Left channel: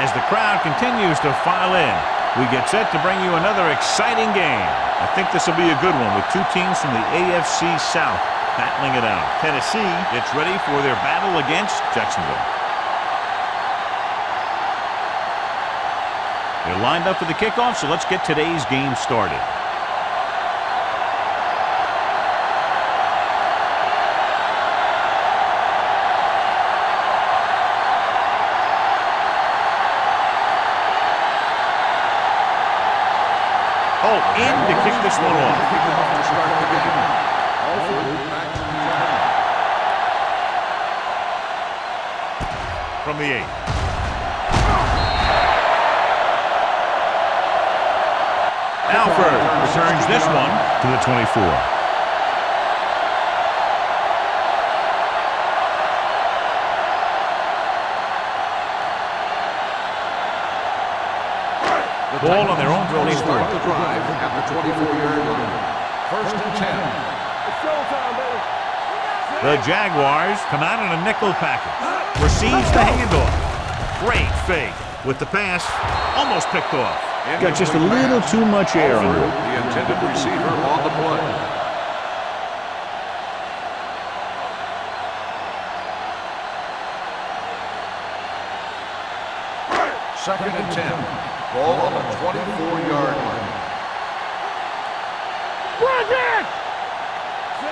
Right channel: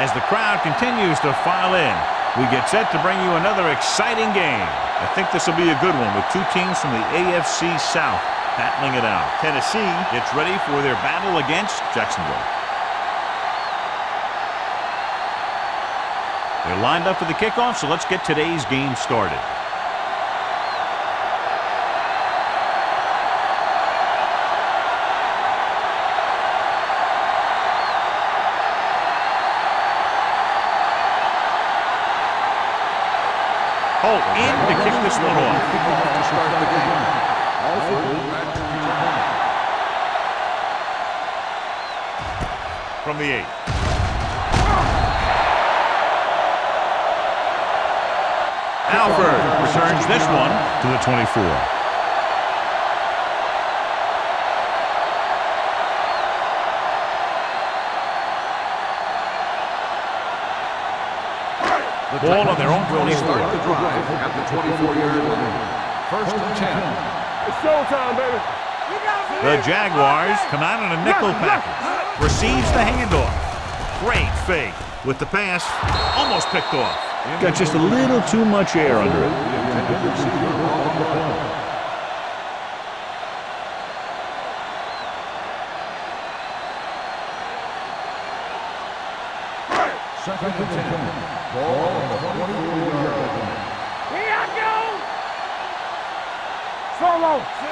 As the crowd continues to file in, we get set to bring you another exciting game. I think this will be a good one with two teams from the AFC South battling it out. Tennessee gets ready for their battle against Jacksonville. They're lined up for the kickoff, so let's get today's game started. Holt in to kick this one off. Kicking off to start the game. Alford back to return. From the 8. Alford returns this one to the 24. Ball on their own 24. Start the drive at the 24-yard line. 1st and 10. It's showtime, baby. The Jaguars come out in a nickel package. Receives the handoff. Great fake with the pass. Almost picked off. Got just a little too much air under it. The intended receiver on the play. Second and 10. Ball on the 24-yard line.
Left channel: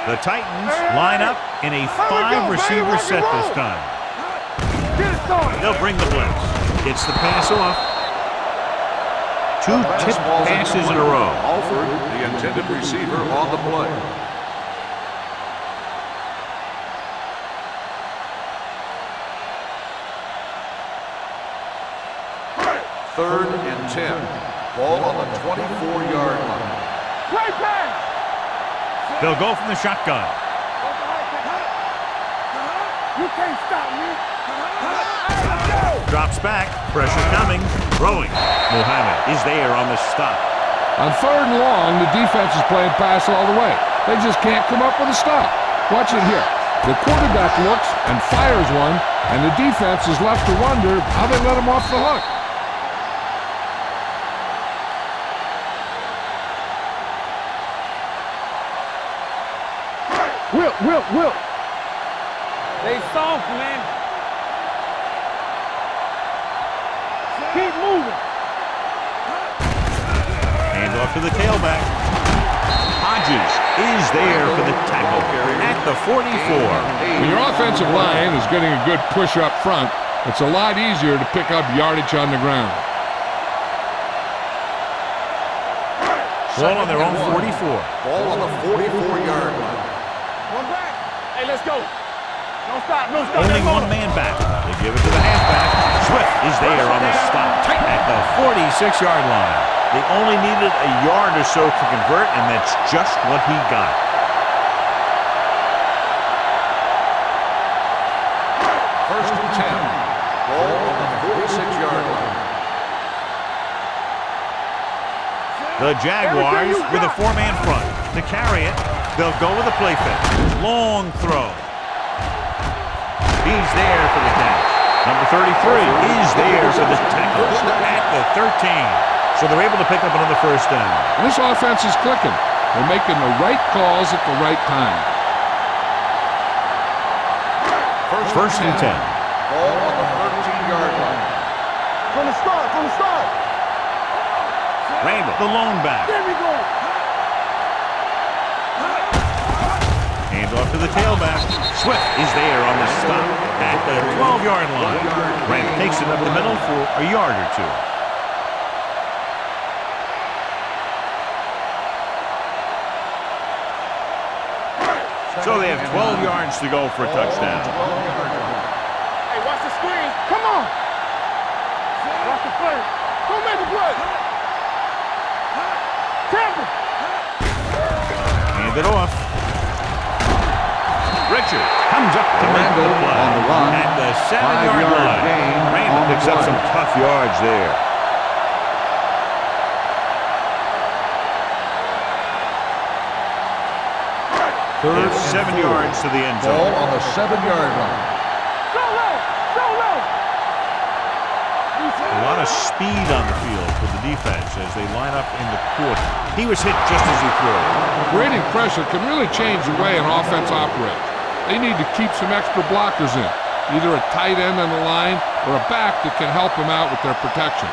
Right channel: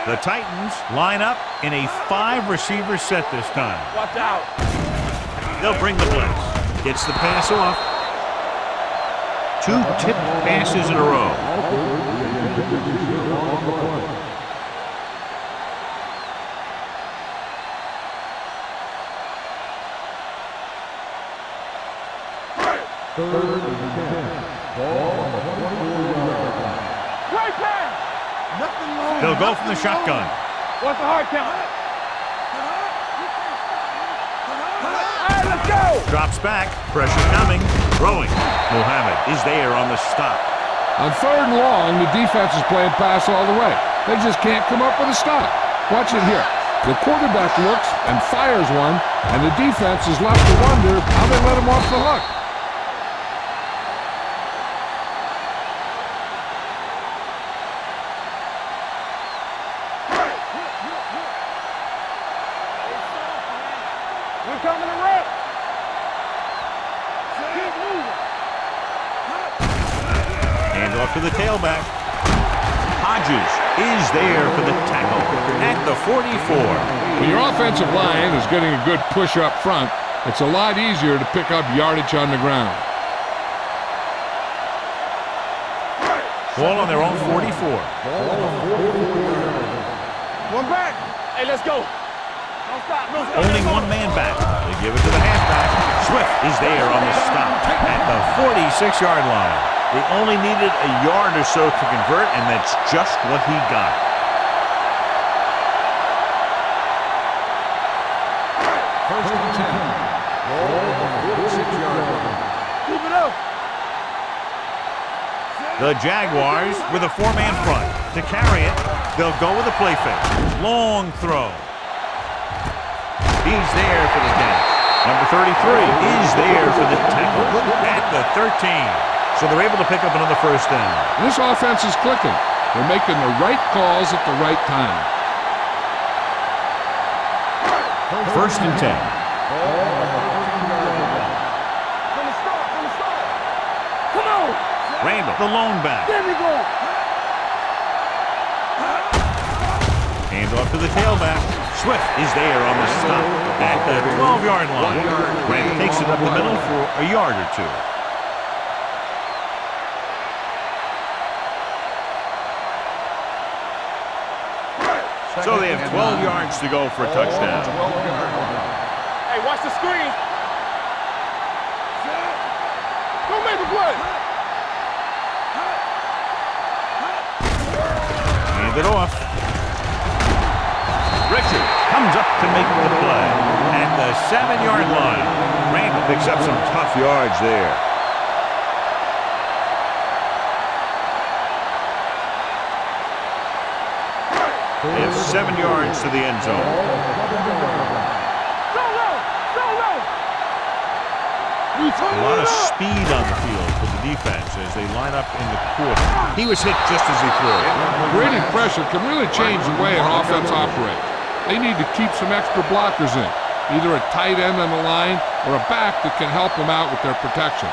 The Titans line up in a 5-receiver set this time. They'll bring the blitz. Gets the pass off. 2 tipped passes in a row. Alford, the intended receiver on the play. Third and 10. Ball on the 24-yard line. Great pass. They'll go from the shotgun. Let's go. Drops back. Pressure coming. Throwing. Muhammad is there on the stop. On 3rd and long, the defense is playing pass all the way. They just can't come up with a stop. Watch it here. The quarterback looks and fires one, and the defense is left to wonder how they let him off the hook. Will. They soft, man. We're coming away. Keep moving. Hand off to the tailback. Hodges is there for the tackle at the 44. When your offensive line is getting a good push up front, it's a lot easier to pick up yardage on the ground. Ball on their own 44. Ball on the 44-yard line. One back. Hey, let's go. Don't stop. Only one man back. They give it to the halfback. Swift is there on the stop at the 46-yard line. They only needed a yard or so to convert, and that's just what he got. First and 10. Ball on the 46-yard line. Keep it up. The Jaguars with a 4-man front. To carry it, they'll go with a play fake. Long throw. He's there for the catch. Number 33 is there for the tackle at the 13. So they're able to pick up another first down. And this offense is clicking. They're making the right calls at the right time. First and 10. Ball on the 13-yard line. From the start. Come on. Randall, the lone back. There we go. Hands off to the tailback. Swift is there on the stop at the 12-yard line. Randall takes it up the middle for a yard or two. So they have 12 yards to go for a touchdown. 12-yard line. Hey, watch the screen. Come on. Don't make a play. Hand it off. Richard comes up to make the play at the 7-yard line. Randall picks up some tough yards there. They have 7 yards to the end zone. Ball on the 7-yard line. So low. A lot of speed on the field for the defense as they line up in the quarter. He was hit just as he threw. Creating pressure can really change the way an offense operates. They need to keep some extra blockers in, either a tight end on the line or a back that can help them out with their protection.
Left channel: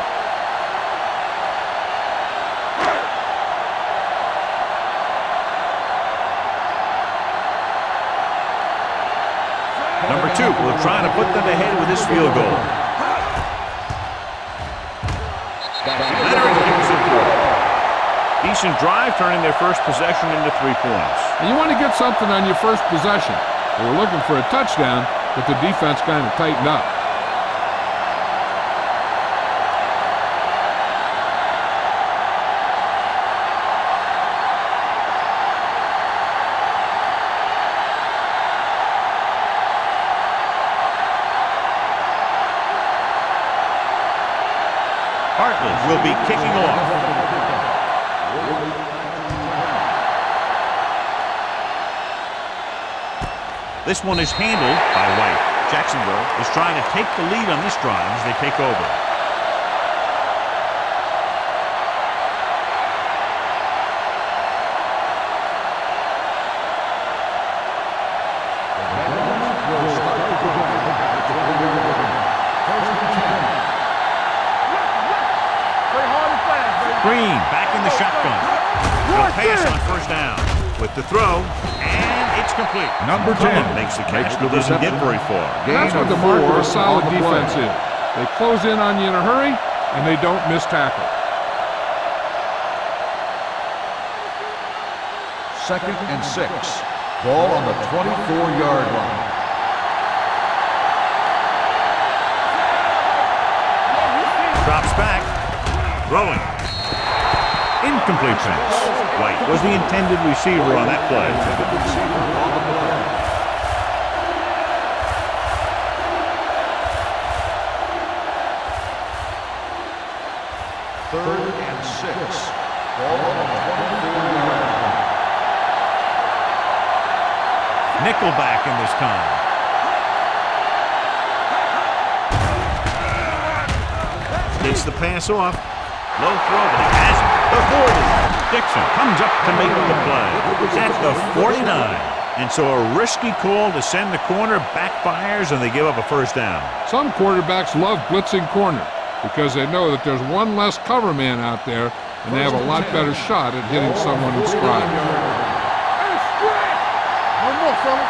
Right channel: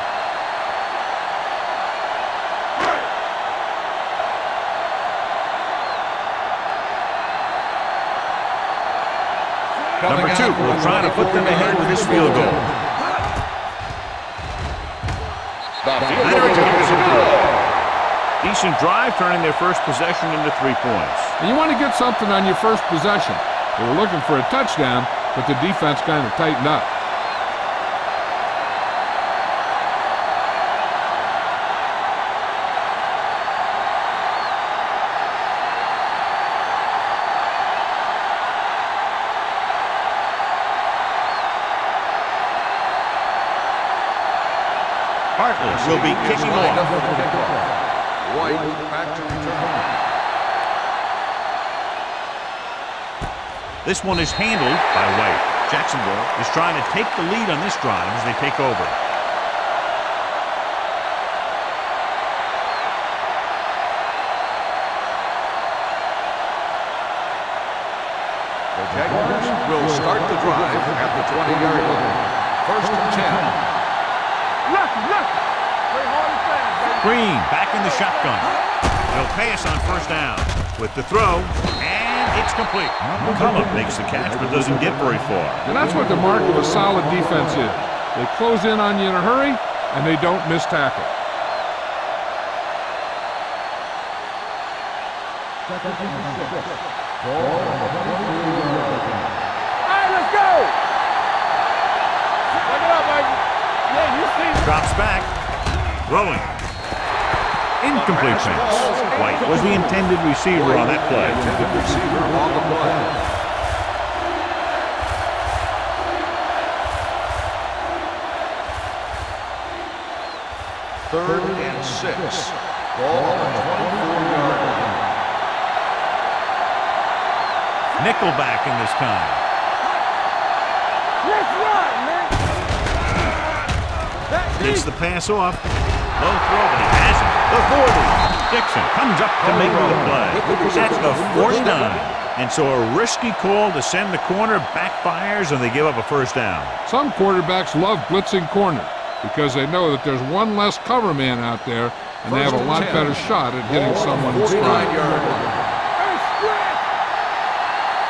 Number 2 will try to put them ahead with this field goal. Leonard kicks it through. Decent drive, turning their first possession into 3 points. And you want to get something on your first possession. They were looking for a touchdown, but the defense kind of tightened up. Hartley will be kicking off. White back to return. This one is handled by White. Jacksonville is trying to take the lead on this drive as they take over. The Jaguars will start the drive at the 20-yard line. First and 10. Play hard and fast, baby. Green back in the shotgun. He'll pass on first down with the throw, and it's complete. McCullum makes the catch but doesn't get very far. And that's what the mark of a solid defense is. They close in on you in a hurry, and they don't miss tackle. Second and 6. Ball on the 24-yard line. Let's go. Pick it up, baby. Yeah, you see. Drops back. Throwing. Incomplete pass. White was the intended receiver on that play. Intended receiver on the play. Third and 6. Ball on the 24-yard line. Nickelback in this time. Gets the pass off. Low throw, but he has it. The 40. Dixon comes up to make the play at the 49. And so a risky call to send the corner backfires, and they give up a first down. Some quarterbacks love blitzing corner because they know that there's one less cover man out there, and they have a lot better shot at hitting someone in stride. Hey, stretch. One more, fella.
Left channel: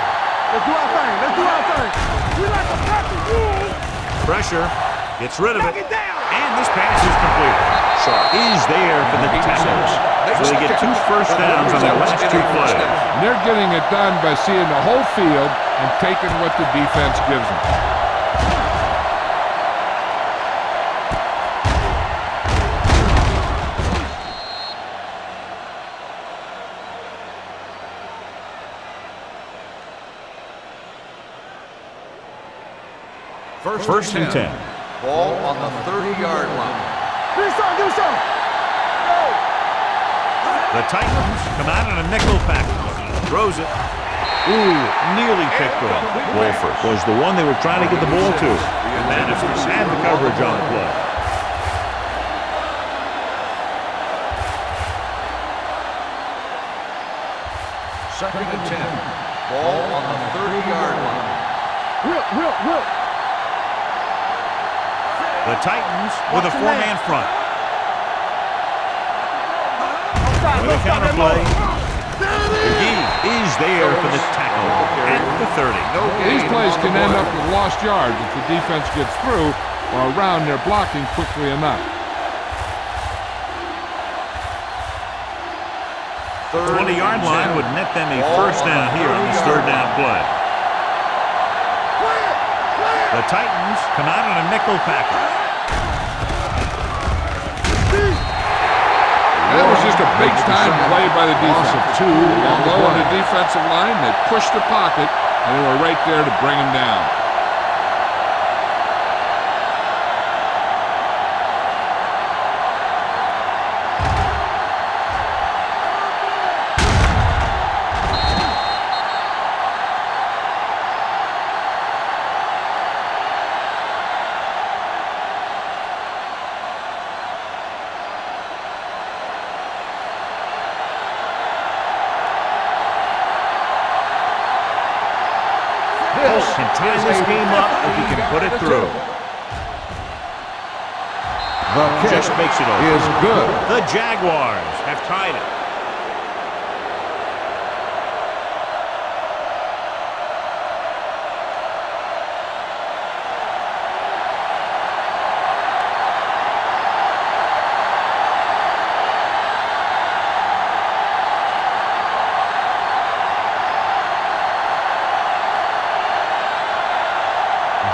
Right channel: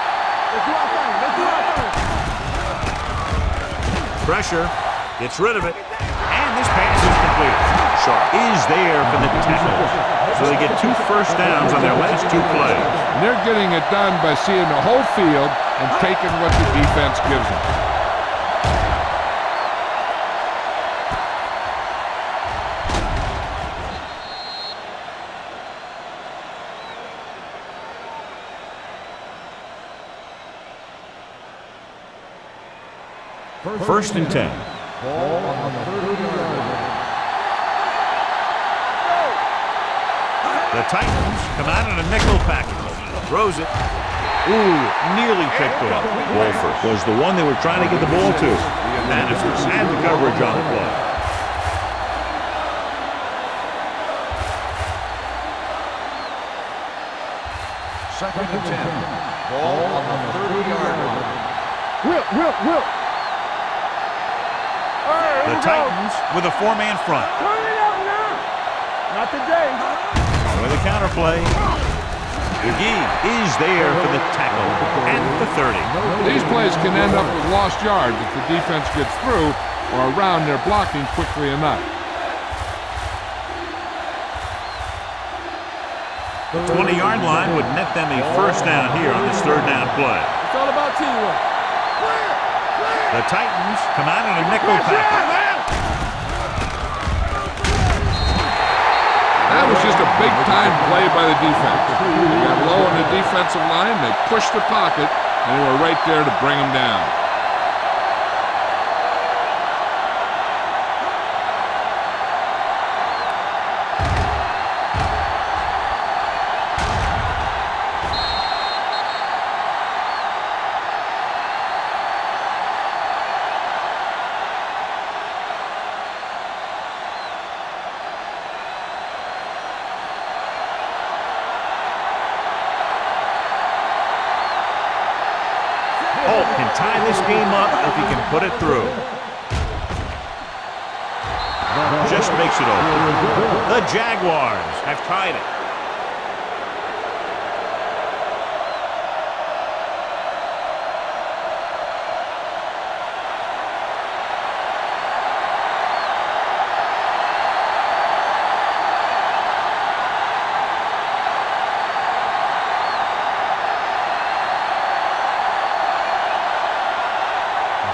Let's do our thing. Let's do our thing. We like to practice. Pressure. Gets rid of it. And this pass is completed. Sharp is there for the tackles. So they get 2 first downs on their last 2 plays. And they're getting it done by seeing the whole field and taking what the defense gives them. First and 10. Ball on the 30-yard line. Do some. Go. The Titans come out in a nickel package. Throws it. Ooh, nearly picked off. Wolford was the one they were trying to get the ball to. Managers had the coverage on the play. Second and 10. Ball on the 30-yard line. Will. The Titans with a 4-man front. For the counterplay. McGee is there for the tackle at the 30. These plays can end up with lost yards if the defense gets through or around their blocking quickly enough. The 20-yard line would net them a first down here on this third down play. It's all about teamwork. Clear. The Titans come out in a nickel package. That was just a big-time play by the defense. They got low on the defensive line, they pushed the pocket, and they were right there to bring them down. Holt can tie this game up if he can put it through. Just makes it over. Is good. The Jaguars have tied it.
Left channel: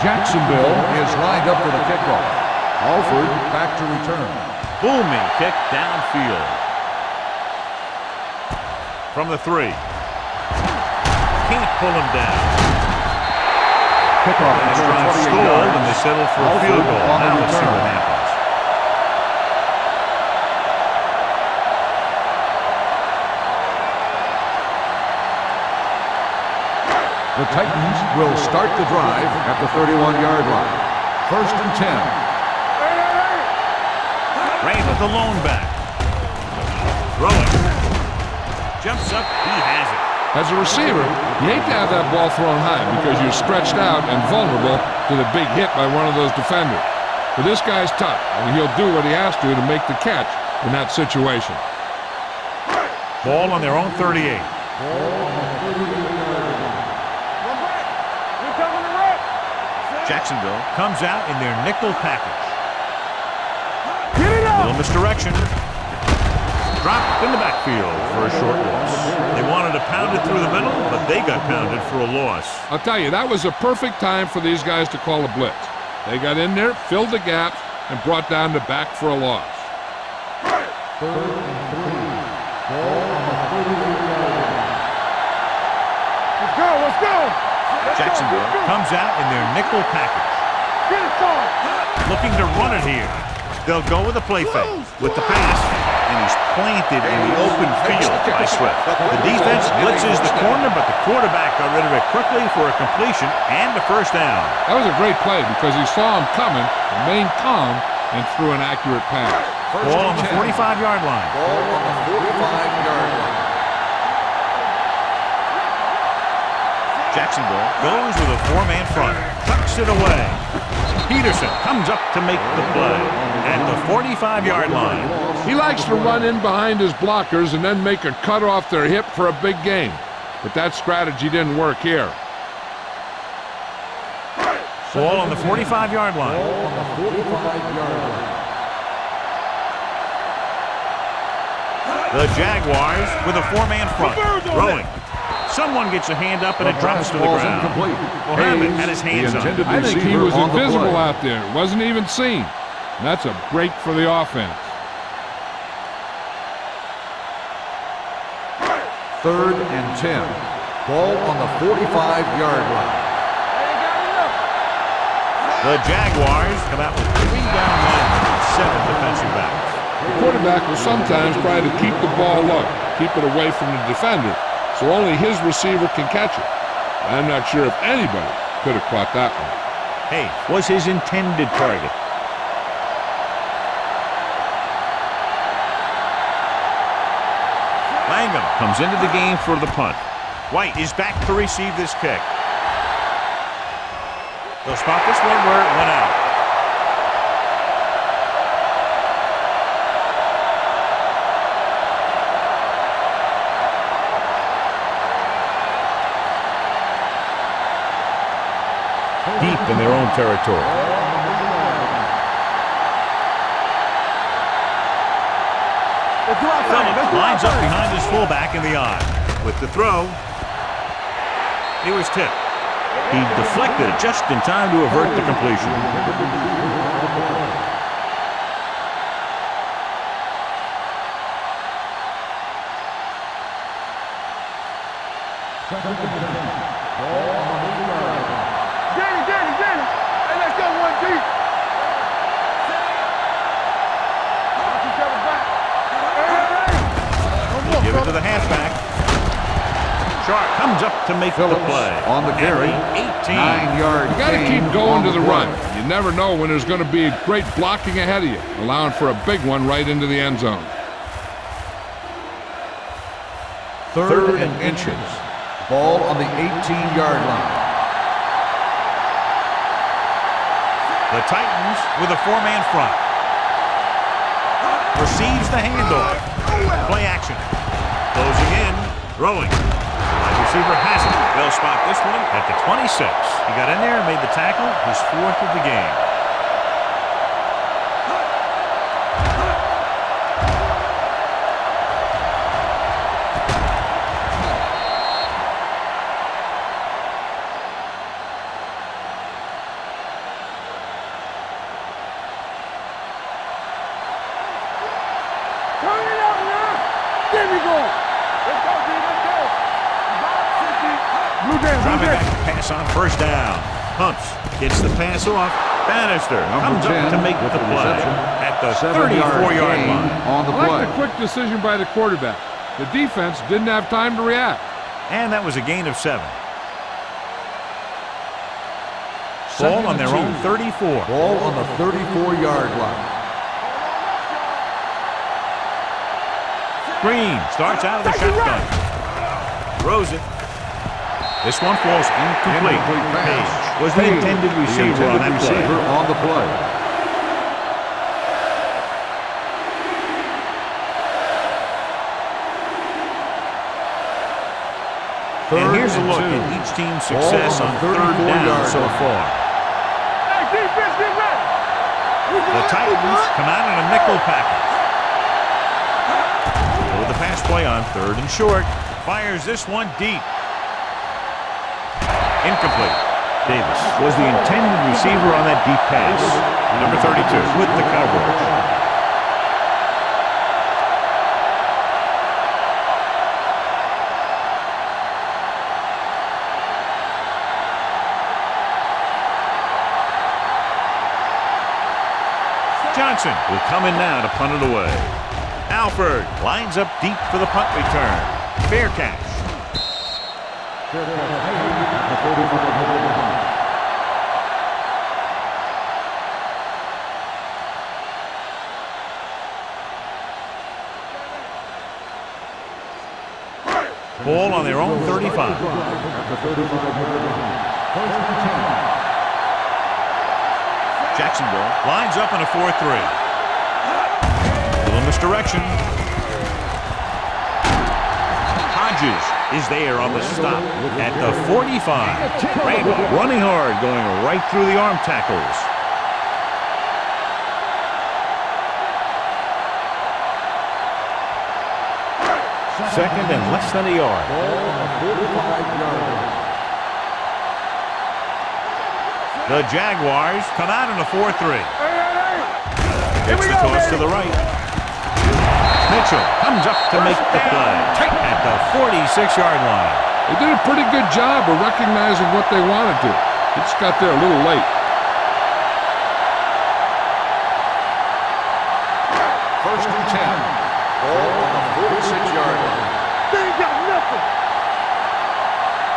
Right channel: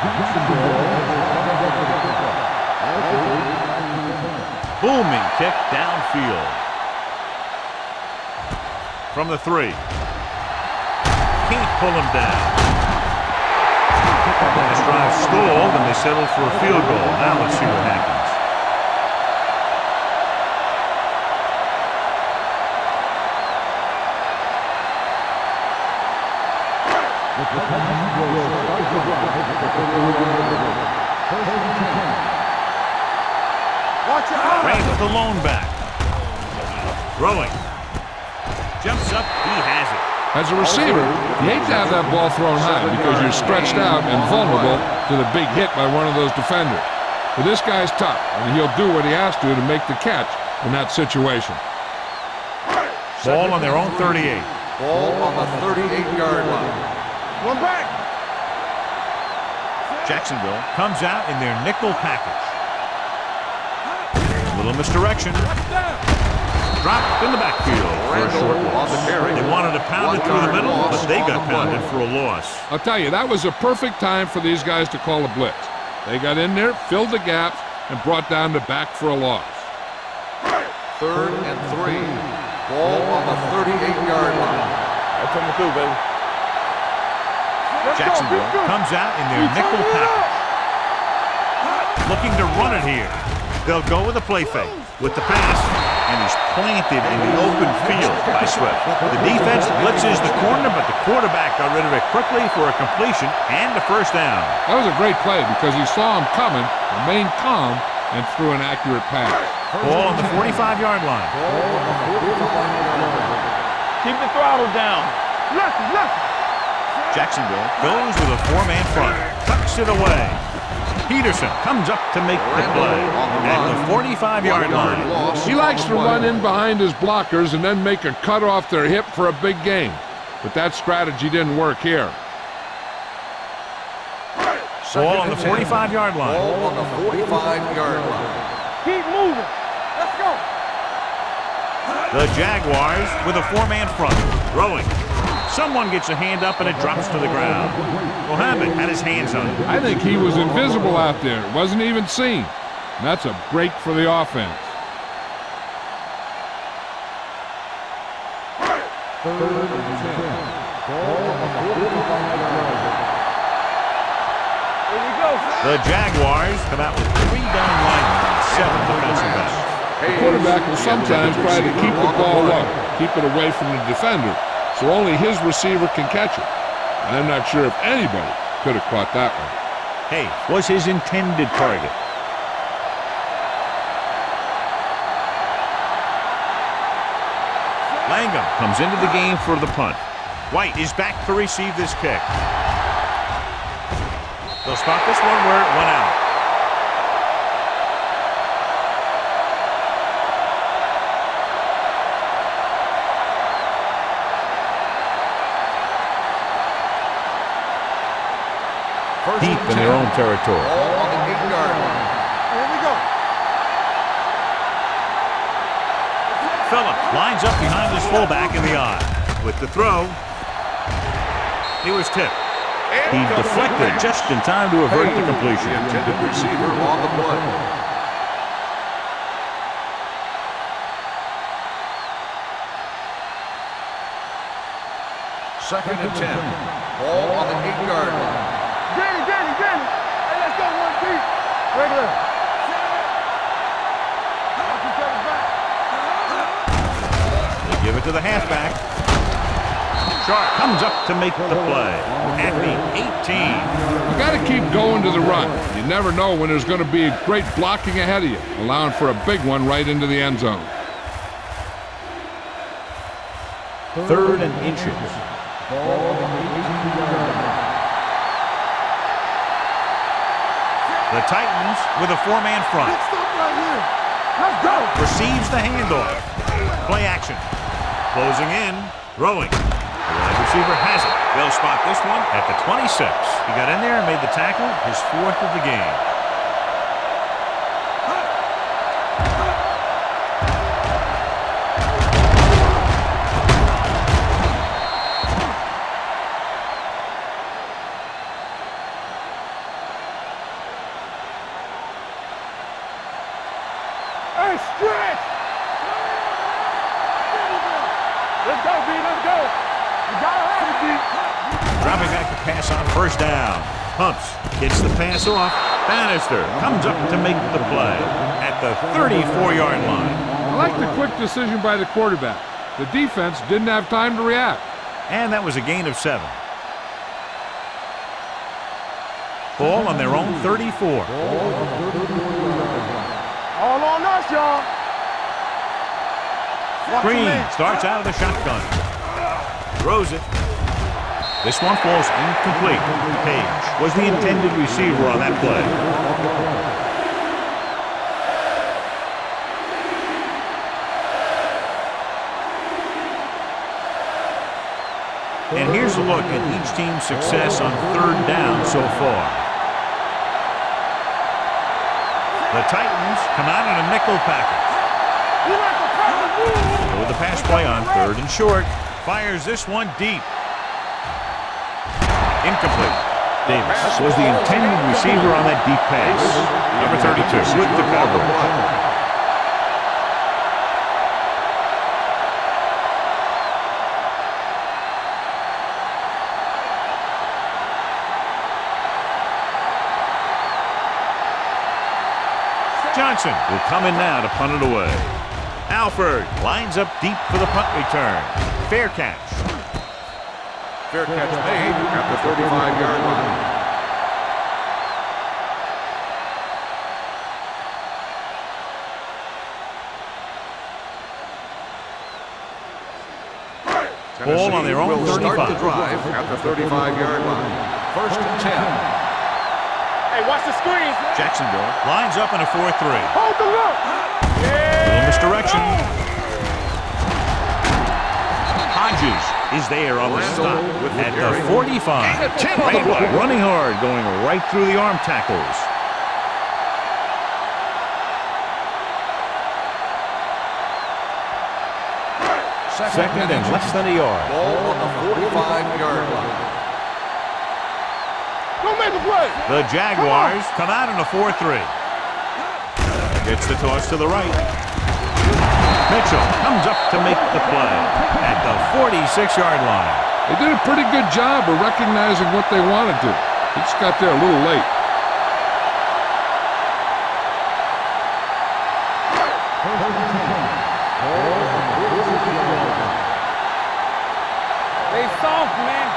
Jacksonville is lined up for the kickoff. Alford back to return. Booming kick downfield. From the 3. Can't pull him down. Kickoff. Then this drive stalled and they settled for a field goal. Now let's see what happens. The Titans will start the drive at the 31-yard line. 1st and 10. Ray with the lone back. Throwing. Jumps up. He has it. As a receiver, you hate to have that ball thrown high because you're stretched out and vulnerable to the big hit by one of those defenders. But this guy's tough, and he'll do what he has to make the catch in that situation. Ball on their own 38. Ball on the 38-yard line. One back. We're coming to right. Jacksonville comes out in their nickel package. Little misdirection. Dropped in the backfield for a short loss. They wanted to pound it through the middle, but they got pounded for a loss. I'll tell you, that was a perfect time for these guys to call a blitz. They got in there, filled the gaps, and brought down the back for a loss. 3rd and 3. Ball on the 38-yard line. That's coming through, baby. Let's go, let's go. Jacksonville comes out in their nickel package. Looking to run it here. They'll go with a play fake with the pass, and he's planted in the open field by Swift. The defense blitzes the corner, but the quarterback got rid of it quickly for a completion and a first down. That was a great play because he saw him coming, remained calm, and threw an accurate pass. Ball on the 45-yard line. Ball on the 45-yard line. Keep the throttle down. Jacksonville goes with a 4-man front. Tucks it away. Peterson comes up to make the play at the 45-yard line. He likes to run in behind his blockers and then make a cut off their hip for a big gain. But that strategy didn't work here. Ball on the 45-yard line. Ball on the 45-yard line. Keep moving. The Jaguars with a 4-man front. Throwing. Someone gets a hand up and it drops to the ground. Mohammed had his hands on it. I think he was invisible out there. Wasn't even seen. And that's a break for the offense. 3rd and 10. Ball on the 45-yard line. The Jaguars come out with 3 down linemen and 7 defensive backs. The quarterback will sometimes try to keep the ball low, keep it away from the defender, so only his receiver can catch it. I'm not sure if anybody could have caught that one. Hey, was his intended target. Langham comes into the game for the punt. White is back to receive this kick. They'll spot this one where it went out. Deep in their own territory. Ball on the 8-yard line. Phillips lines up behind his fullback in the eye. With the throw, he was tipped. He deflected it just in time to avert the completion. The intended receiver on the play. Second and 10. Ball on the 8-yard line. Danny. Hey, let's go one deep. Watch each other's back. They give it to the halfback. Sharp comes up to make the play on the at carry. the 18. You got to keep going to the run. You never know when there's going to be great blocking ahead of you, allowing for a big one right into the end zone. 3rd and inches. Ball on the 18-yard line. The Titans with a 4-man front. Receives the handoff. Play action. Closing in. Throwing. The wide receiver has it. They'll spot this one at the 26. He got in there and made the tackle, his 4th of the game. Dropping back to pass on 1st down. Pumps. Gets the pass off. Bannister comes up to make the play at the 34-yard line. I like the quick decision by the quarterback. The defense didn't have time to react. And that was a gain of 7. Ball on their own 34. Ball on the 34-yard line. All on us, y'all. Green starts out of the shotgun. Throws it. This one falls incomplete. Page was the intended receiver on that play. And here's a look at each team's success on 3rd down so far. The Titans come out in a nickel package. With the pass play on 3rd and short. Fires this one deep. Incomplete. Davis was the intended receiver on that deep pass. Number 32 with the coverage. Johnson will come in now to punt it away. Alford lines up deep for the punt return. Fair catch. Fair catch made at the 45-yard line. Ball on their own 35. At the 35-yard line. 1st and 10. Hey, watch the screens, man. Jacksonville lines up in a 4-3. Hold the look. Little misdirection. Hodges is there on the stop at the 45. Randall running hard, going right through the arm tackles. Second and less than a yard. Don't make a play. The Jaguars come out in a 4-3. Gets the toss to the right. Mitchell comes up to make the play at the 46-yard line. They did a pretty good job of recognizing what they wanted to. They just got there a little late. 1st and 10. Ball on the 46-yard line. They ain't got nothing. They soft, man.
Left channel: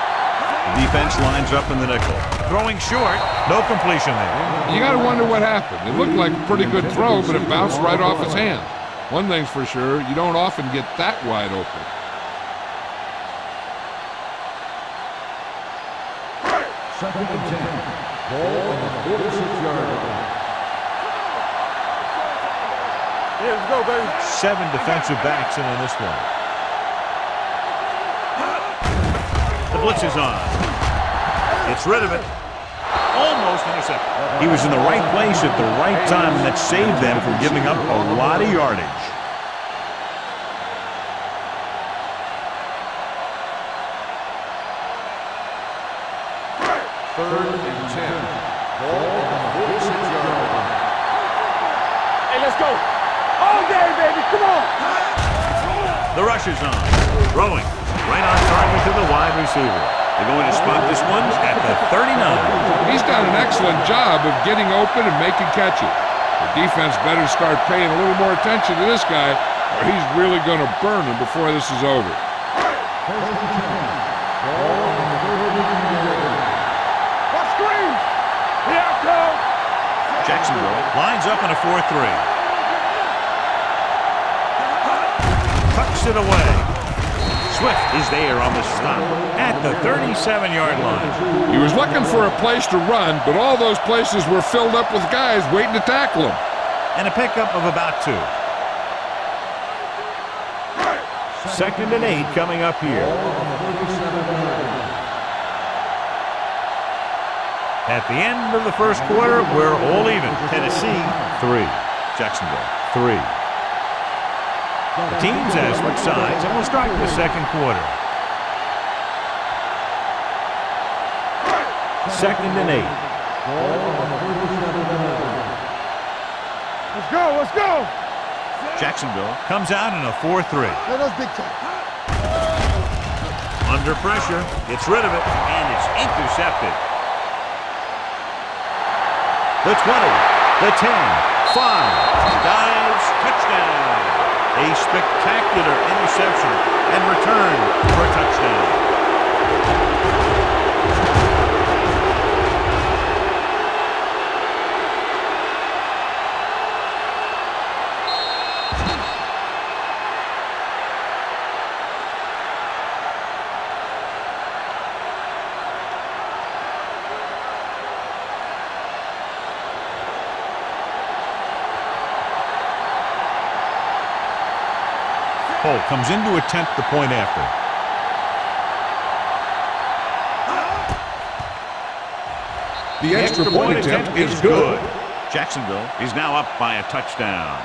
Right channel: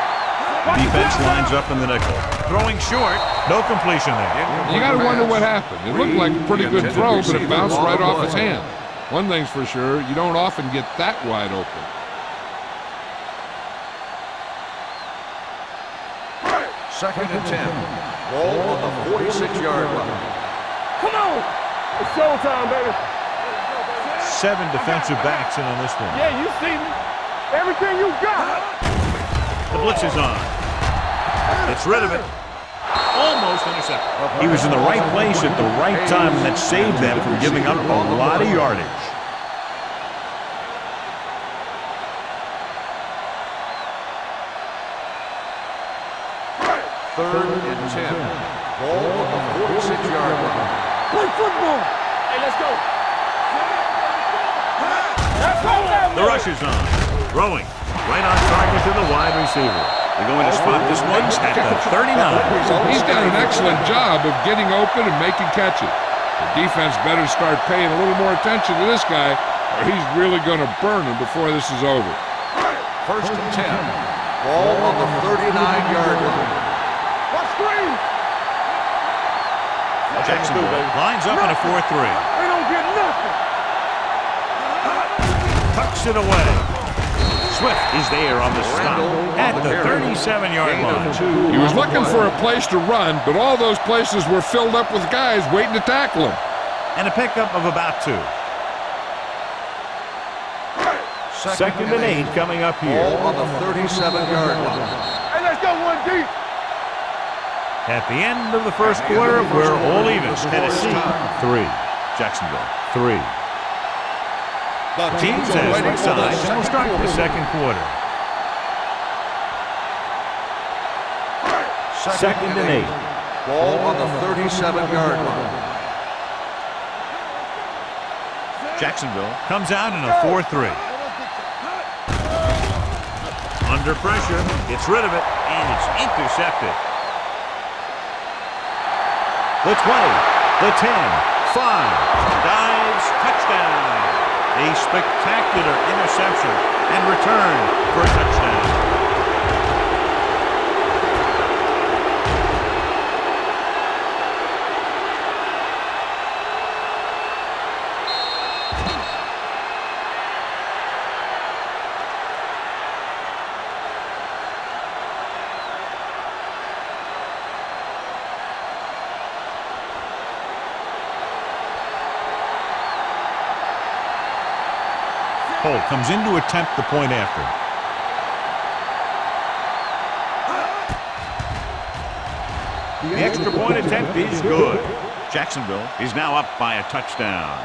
The defense lines up in the nickel. Throwing short, no completion there. You got to wonder what happened. It looked like a pretty good throw, but it bounced right off his hands. One thing's for sure, you don't often get that wide open. 2nd and 10. Ball on the 46-yard line. Come on. It's showtime, baby. Yeah, let's go, baby. 7 defensive backs in on this one. Yeah, you see me. Everything you got. The blitz is on. Gets rid of it. Almost intercepted. He was in the right place at the right time, and that saved them from giving up a lot of yardage. Third and 10. Ball on the 46-yard line. Play football. Hey, let's go. All day, baby. Come on. The rush is on. Throwing. Right on target to the wide receiver. They're going to spot this one at the 39. He's done an excellent job of getting open and making catches. The defense better start paying a little more attention to this guy, or he's really going to burn him before this is over. 1st and 10. Ball on the 39-yard line. Watch screen. Jacksonville lines up in a 4-3. They don't get nothing. Tucks it away. Swift is there on the stop at the 37-yard line. He was looking for a place to run, but all those places were filled up with guys waiting to tackle him. And a pickup of about 2. 2nd and 8 coming up here. Ball on the 37-yard line. Hey, let's go one deep. At the end of the first quarter, we're all even. Tennessee, 3. Jacksonville, 3. The teams have switched sides, and we'll start the second quarter. 2nd and 8. Ball on the 37-yard line. Let's go, let's go. Jacksonville comes out in a 4-3. Under pressure, gets rid of it, and it's intercepted. The 20, the 10, 5, dives, touchdown. A spectacular interception and return for a touchdown. Holt comes in to attempt the point after. The extra point attempt is good. Jacksonville is now up by a touchdown.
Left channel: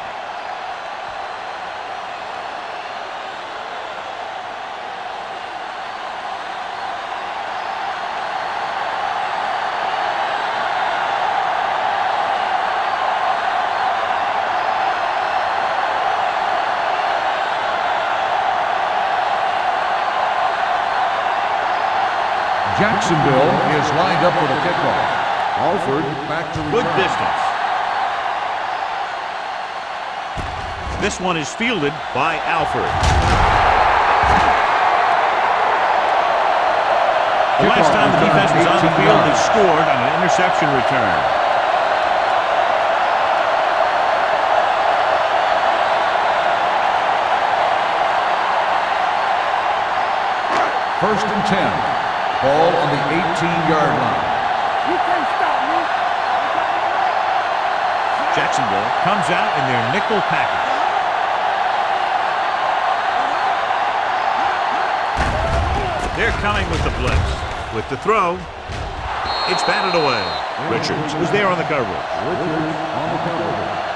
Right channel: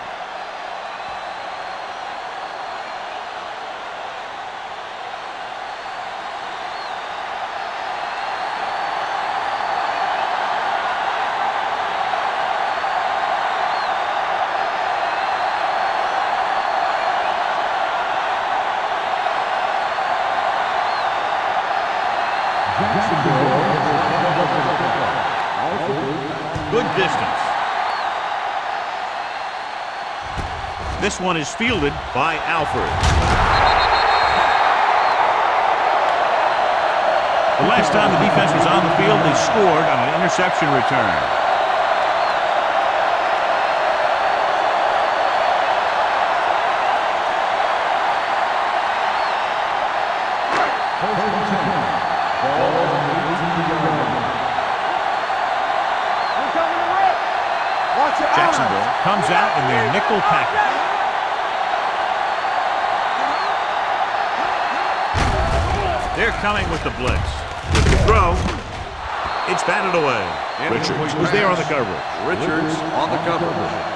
Jacksonville is lined up for the kickoff. Alford back to Good distance. This one is fielded by Alford. The last time the defense was on the field, they scored on an interception return. First and 10. Ball on the 18-yard line. You can't stop me. We're coming to work. Watch out. Jacksonville comes out in their nickel package. They're coming with the blitz. With the throw, it's batted away. Richards was there on the coverage. Richards on the coverage.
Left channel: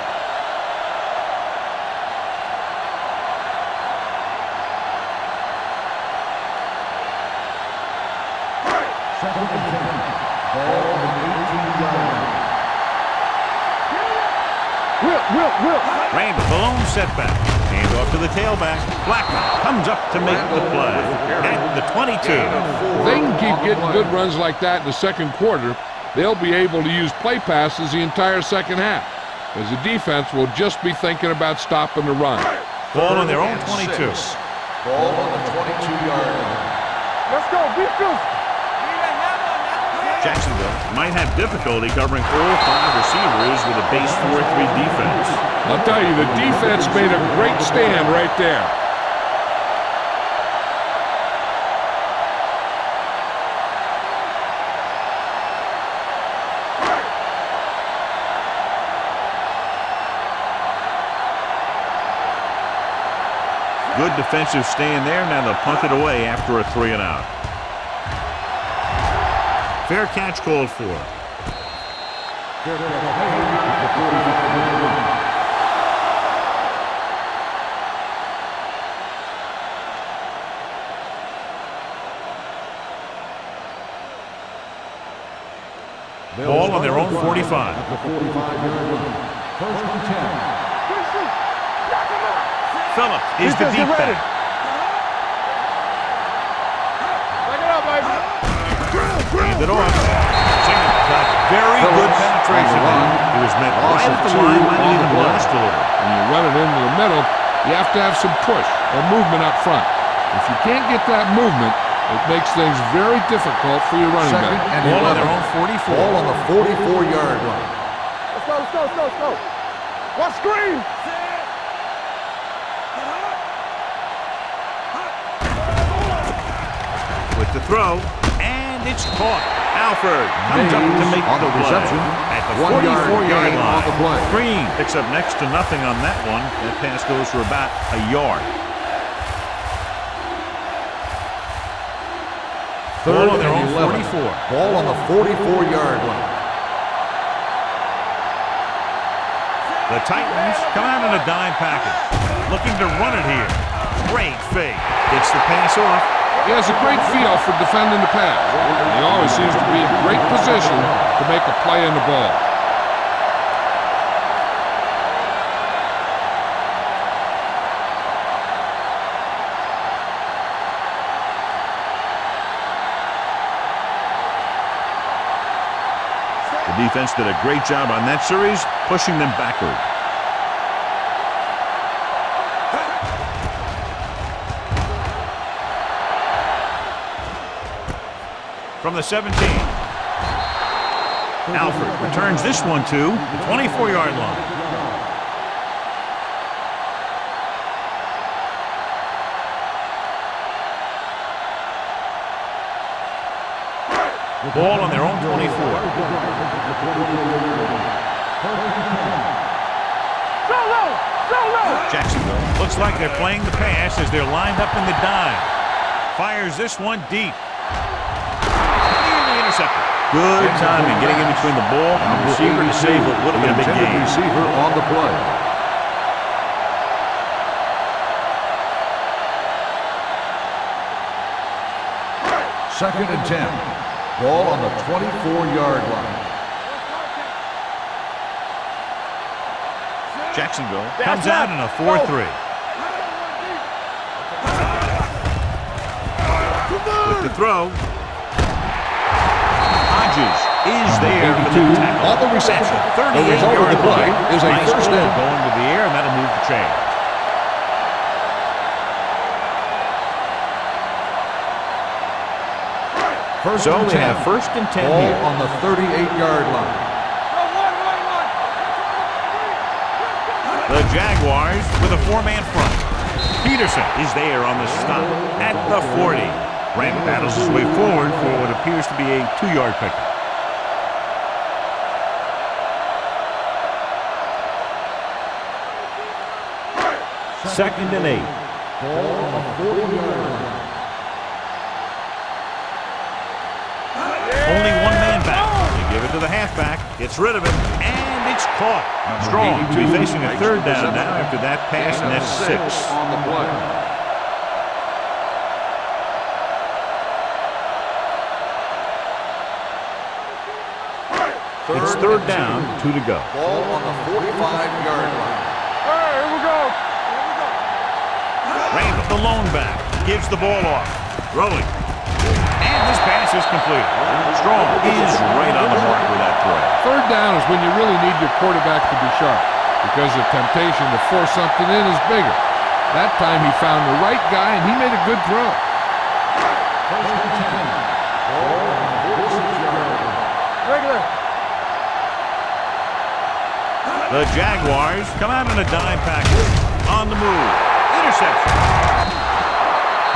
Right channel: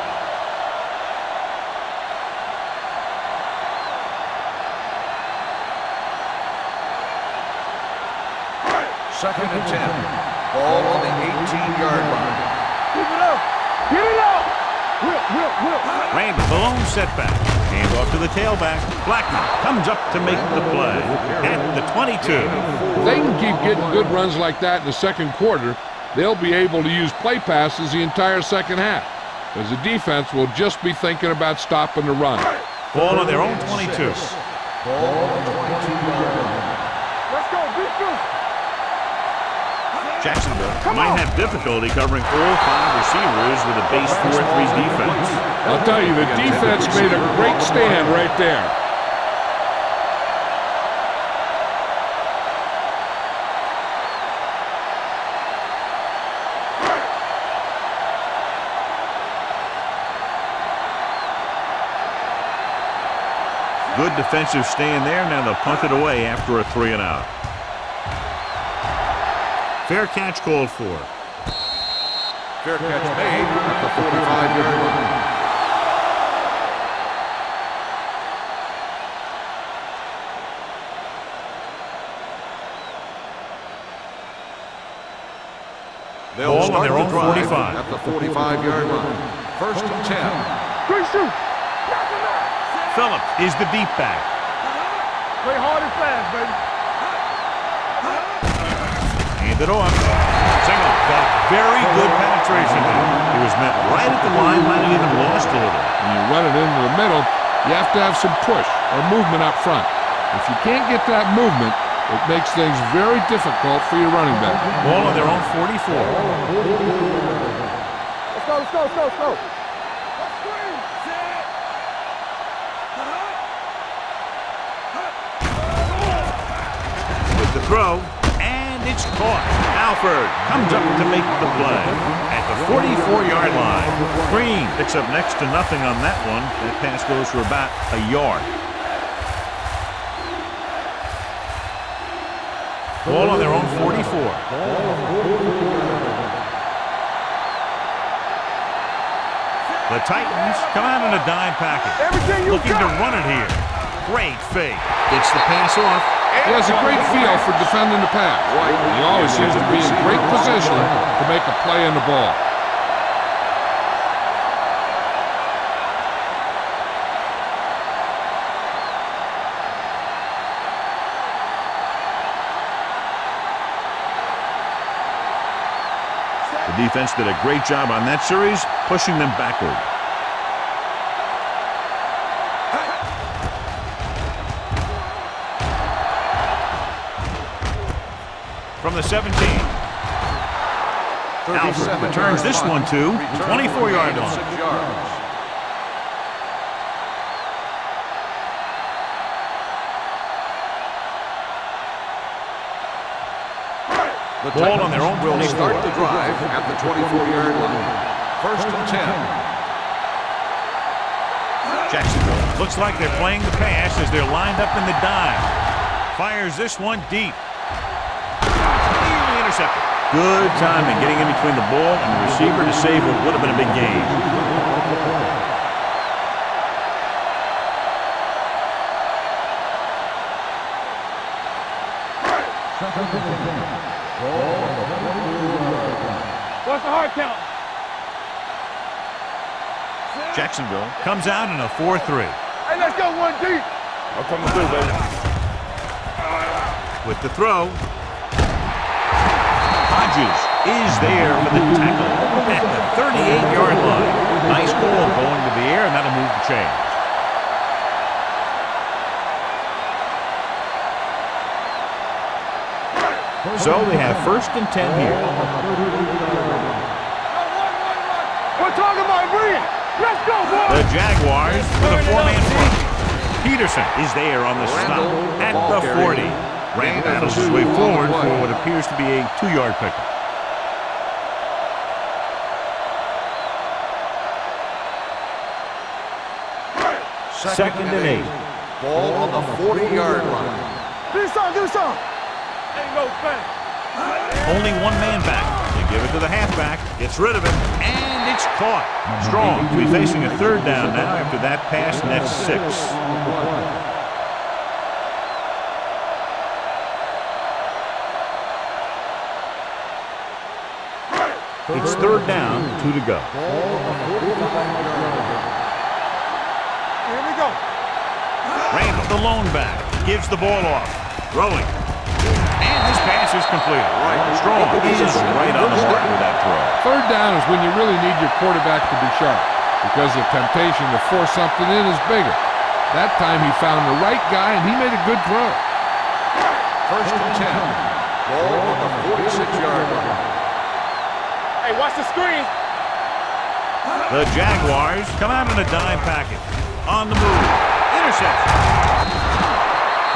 Second and 10. Ball on the 18-yard line. Keep it up. Get it up. Will. Randall, the lone setback. Hand off to the tailback. Blackman comes up to make the play at the 22. If they can keep getting good runs like that in the second quarter, they'll be able to use play passes the entire second half, as the defense will just be thinking about stopping the run. Ball on their own 22. Ball on the 22-yard line. Let's go. Be physical. Jacksonville might have difficulty covering all 5 receivers with a base 4-3 defense. I'll tell you, the defense made a great stand right there. Good defensive stand there. Now they'll punt it away after a 3-and-out. Fair catch called for. Fair catch made at the 45-yard line. Ball on their own 45. At the 45-yard line. First and 10. Good shoot. Knock him out. Phillips is the deep back. Play hard and fast, baby. Bring it up, baby. Hand it off. Single got very good penetration there. He was met right at the line, might have even lost a little. When you run it into the middle, you have to have some push or movement up front. If you can't get that movement, it makes things very difficult for your running back. Ball on their own 44. Ball on the 44-yard line. Let's go, let's go, let's go, let's go. One screen. Set. the throw, and it's caught. Alford comes up to make the play at the 44-yard line. Green picks up next to nothing on that one. That pass goes for about a yard. Ball on their own 44. Ball on the 44-yard line. The Titans come out in a dime package, looking to run it here. Great fake. Gets the pass off. He has a great feel for defending the pass. He always seems to be in great position to make a play in the ball. The defense did a great job on that series, pushing them backward. From the 17. Alford returns this one to the 24-yard line. Ball on their own 24. Start the drive at the 24-yard line. First and 10. Jacksonville looks like they're playing the pass as they're lined up in the dime. Fires this one deep. Nearly intercepted. Good timing getting in between the ball and the receiver to save what would have been a big gain. Receiver on the play. Second and 10. Ball on the 24-yard line. What's the hard count? Jacksonville comes out in a 4-3. Hey, let's go one deep. With the throw, Hodges is there for the tackle. At the 38-yard line. Nice ball going to the air, and that'll move the chain. So they have first and 10 here. On the 38-yard line. No, one. We're talking about win. Let's go. The Jaguars with a four-man front. Peterson is there on the stop at the 40. Rand battles his way forward for what appears to be a 2-yard pickup. Second and 8. Ball on the 40-yard line. Do something. Ain't no thing. Only one man back. They give it to the halfback. Gets rid of it, and it's caught. Strong to be facing a third down now after that pass, and that's 6. On the play. It's third down, 2 to go. Ball on the 45-yard line. Here we go. Randall, the lone back, gives the ball off. Throwing. And this pass is completed. Strong is right on the mark with that throw. Third down is when you really need your quarterback to be sharp because the temptation to force something in is bigger. That time he found the right guy and he made a good throw. First and 10. Ball on the 46-yard line. Regular. Hey, watch the screen. The Jaguars come out in a dime package. On the move. Interception.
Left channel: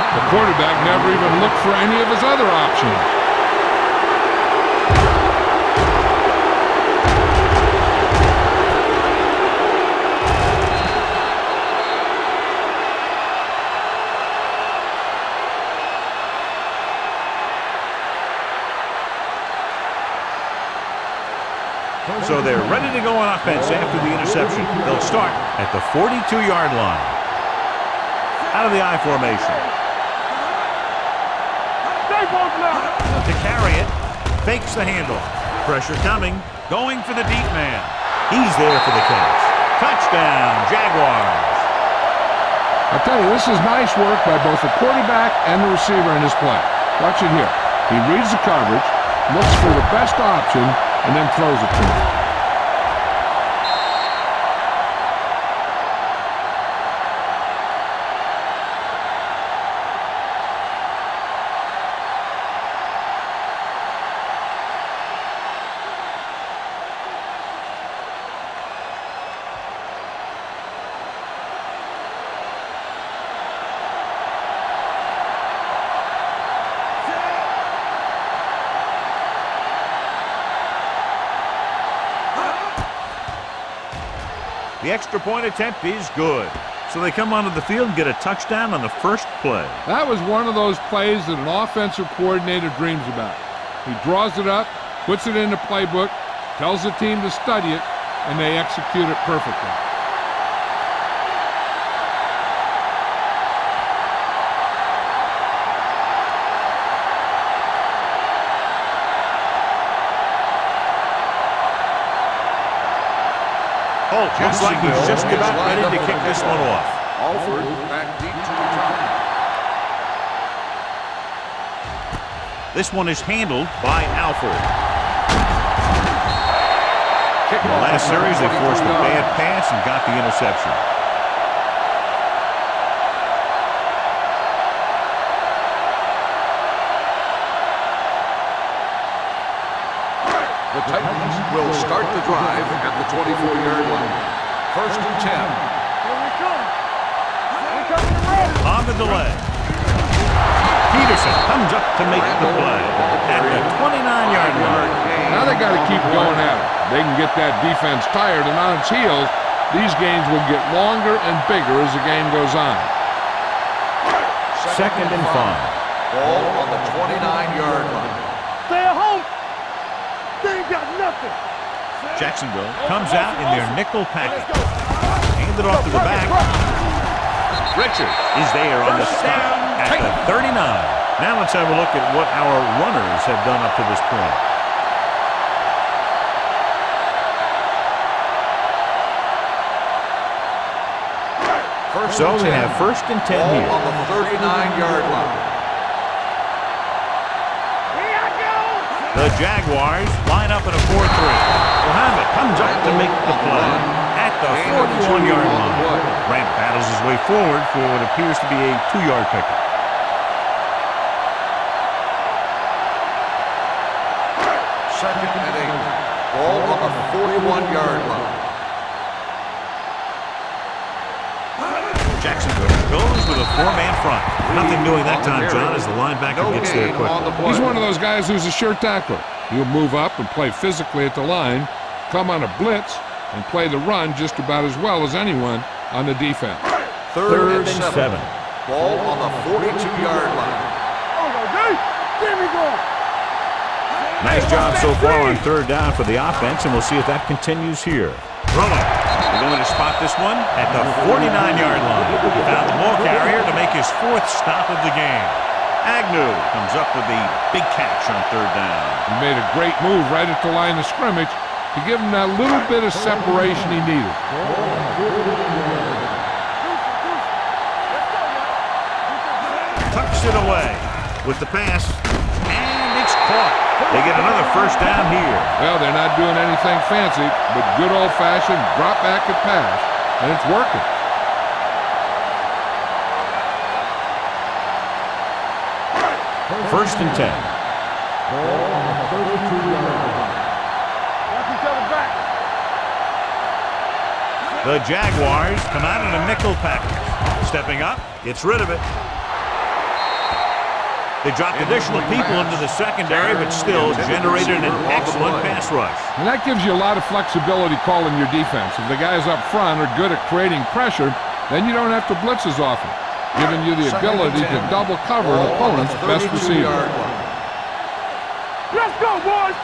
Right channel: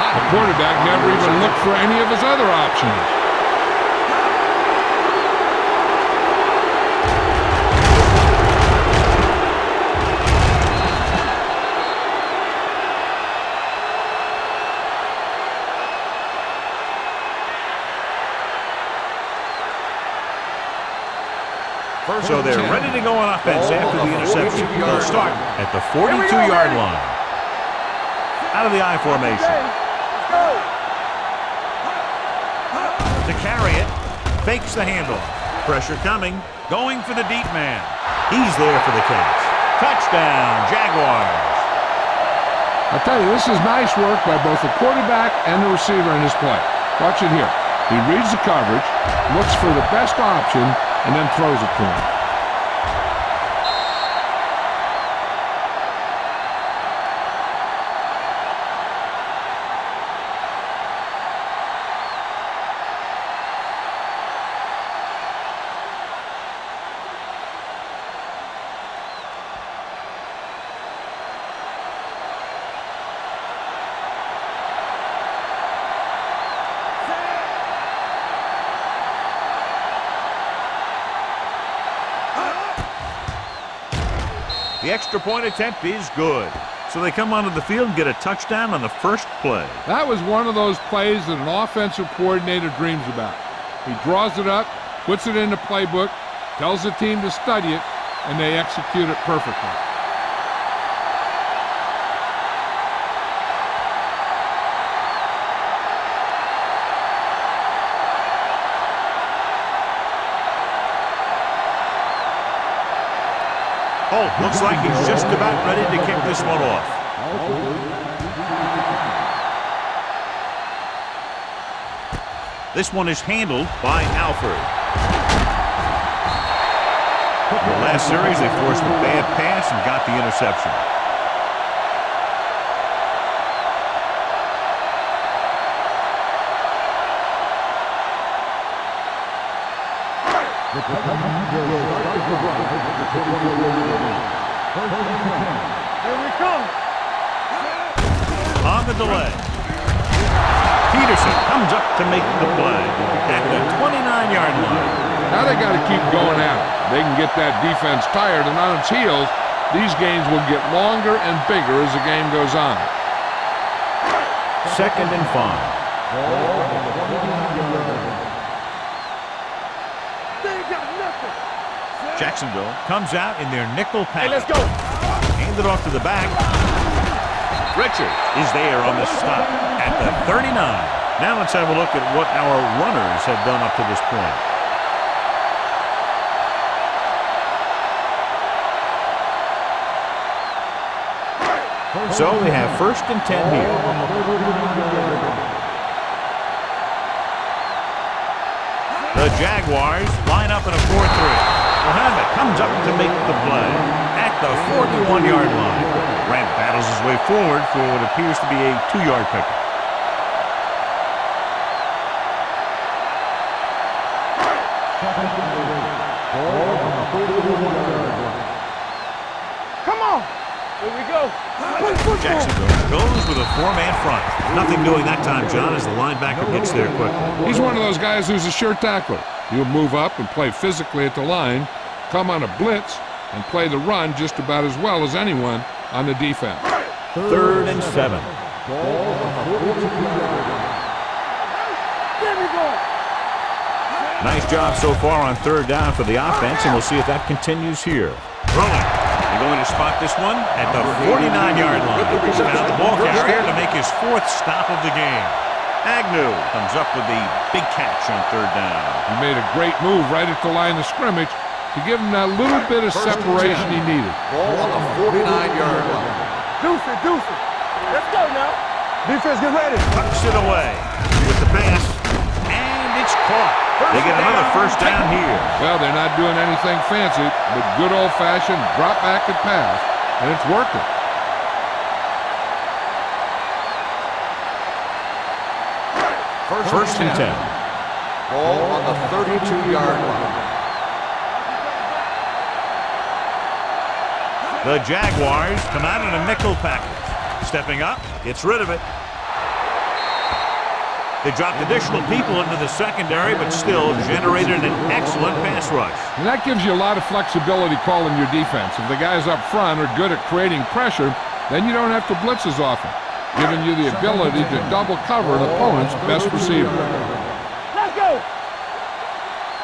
The quarterback never even looked for any of his other options. So they're ready to go on offense after the interception. They'll start at the 42-yard line. Out of the I formation. To carry it, fakes the handoff. Pressure coming, going for the deep man. He's there for the catch. Touchdown, Jaguars. I tell you, this is nice work by both the quarterback and the receiver in this play. Watch it here. He reads the coverage, looks for the best option, and then throws it to him. The extra point attempt is good. So they come onto the field and get a touchdown on the first play. That was one of those plays that an offensive coordinator dreams about. He draws it up, puts it in the playbook, tells the team to study it, and they execute it perfectly. Holt looks like he's just about ready to kick this one off. Alford back deep to return. This one is handled by Alford. In the last series, they forced a bad pass and got the interception. The Titans will start the drive at the 24-yard line. 1st and 10. Here we come. On the delay. Peterson comes up to make the play at the 29-yard line. Now they got to keep going at it. They can get that defense tired and on its heels. These games will get longer and bigger as the game goes on. 2nd and 5. Ball on the 29-yard line. Stay at home. They ain't got nothing. Jacksonville comes out in their nickel Hey, let's package. go. Hand it off to the back. Richards is there on the stop at the 39. Now let's have a look at what our runners have done up to this point. So they have 1st and 10 here. Ball on the 39-yard line. The Jaguars line up in a 4-3. Muhammad comes up to make the play at the 41-yard line. Grant battles his way forward for what appears to be a 2-yard pickup. Second and 8. Ball on the 41-yard line. Come on. Here we go. Jacksonville goes with a 4-man front. Nothing doing that time, John, as the linebacker gets there quickly. He's one of those guys who's a sure tackler. He'll move up and play physically at the line, come on a blitz, and play the run just about as well as anyone on the defense. 3rd and 7. Ball on the 42-yard line. There we go. Nice job so far on 3rd down for the offense, and we'll see if that continues here. Rolling. They're going to spot this one at the 49-yard line. He found the ball carrier to make his 4th stop of the game. Agnew comes up with the big catch on 3rd down. He made a great move right at the line of scrimmage to give him that little bit of separation he needed. Ball on the 49-yard line. Deuce it. Let's go now. Defense, get ready. Tucks it away with the pass, and it's caught. They get another 1st down here. Well, they're not doing anything fancy, but good old-fashioned drop back and pass, and it's working. First and 10. Ball on the 32-yard line. Watch each other back. The Jaguars come out in a nickel package. Stepping up, gets rid of it. They dropped additional people into the secondary, but still generated an excellent pass rush. And that gives you a lot of flexibility calling your defense. If the guys up front are good at creating pressure, then you don't have to blitz as often, giving you the ability to double cover an opponent's best receiver. Let's go, boys.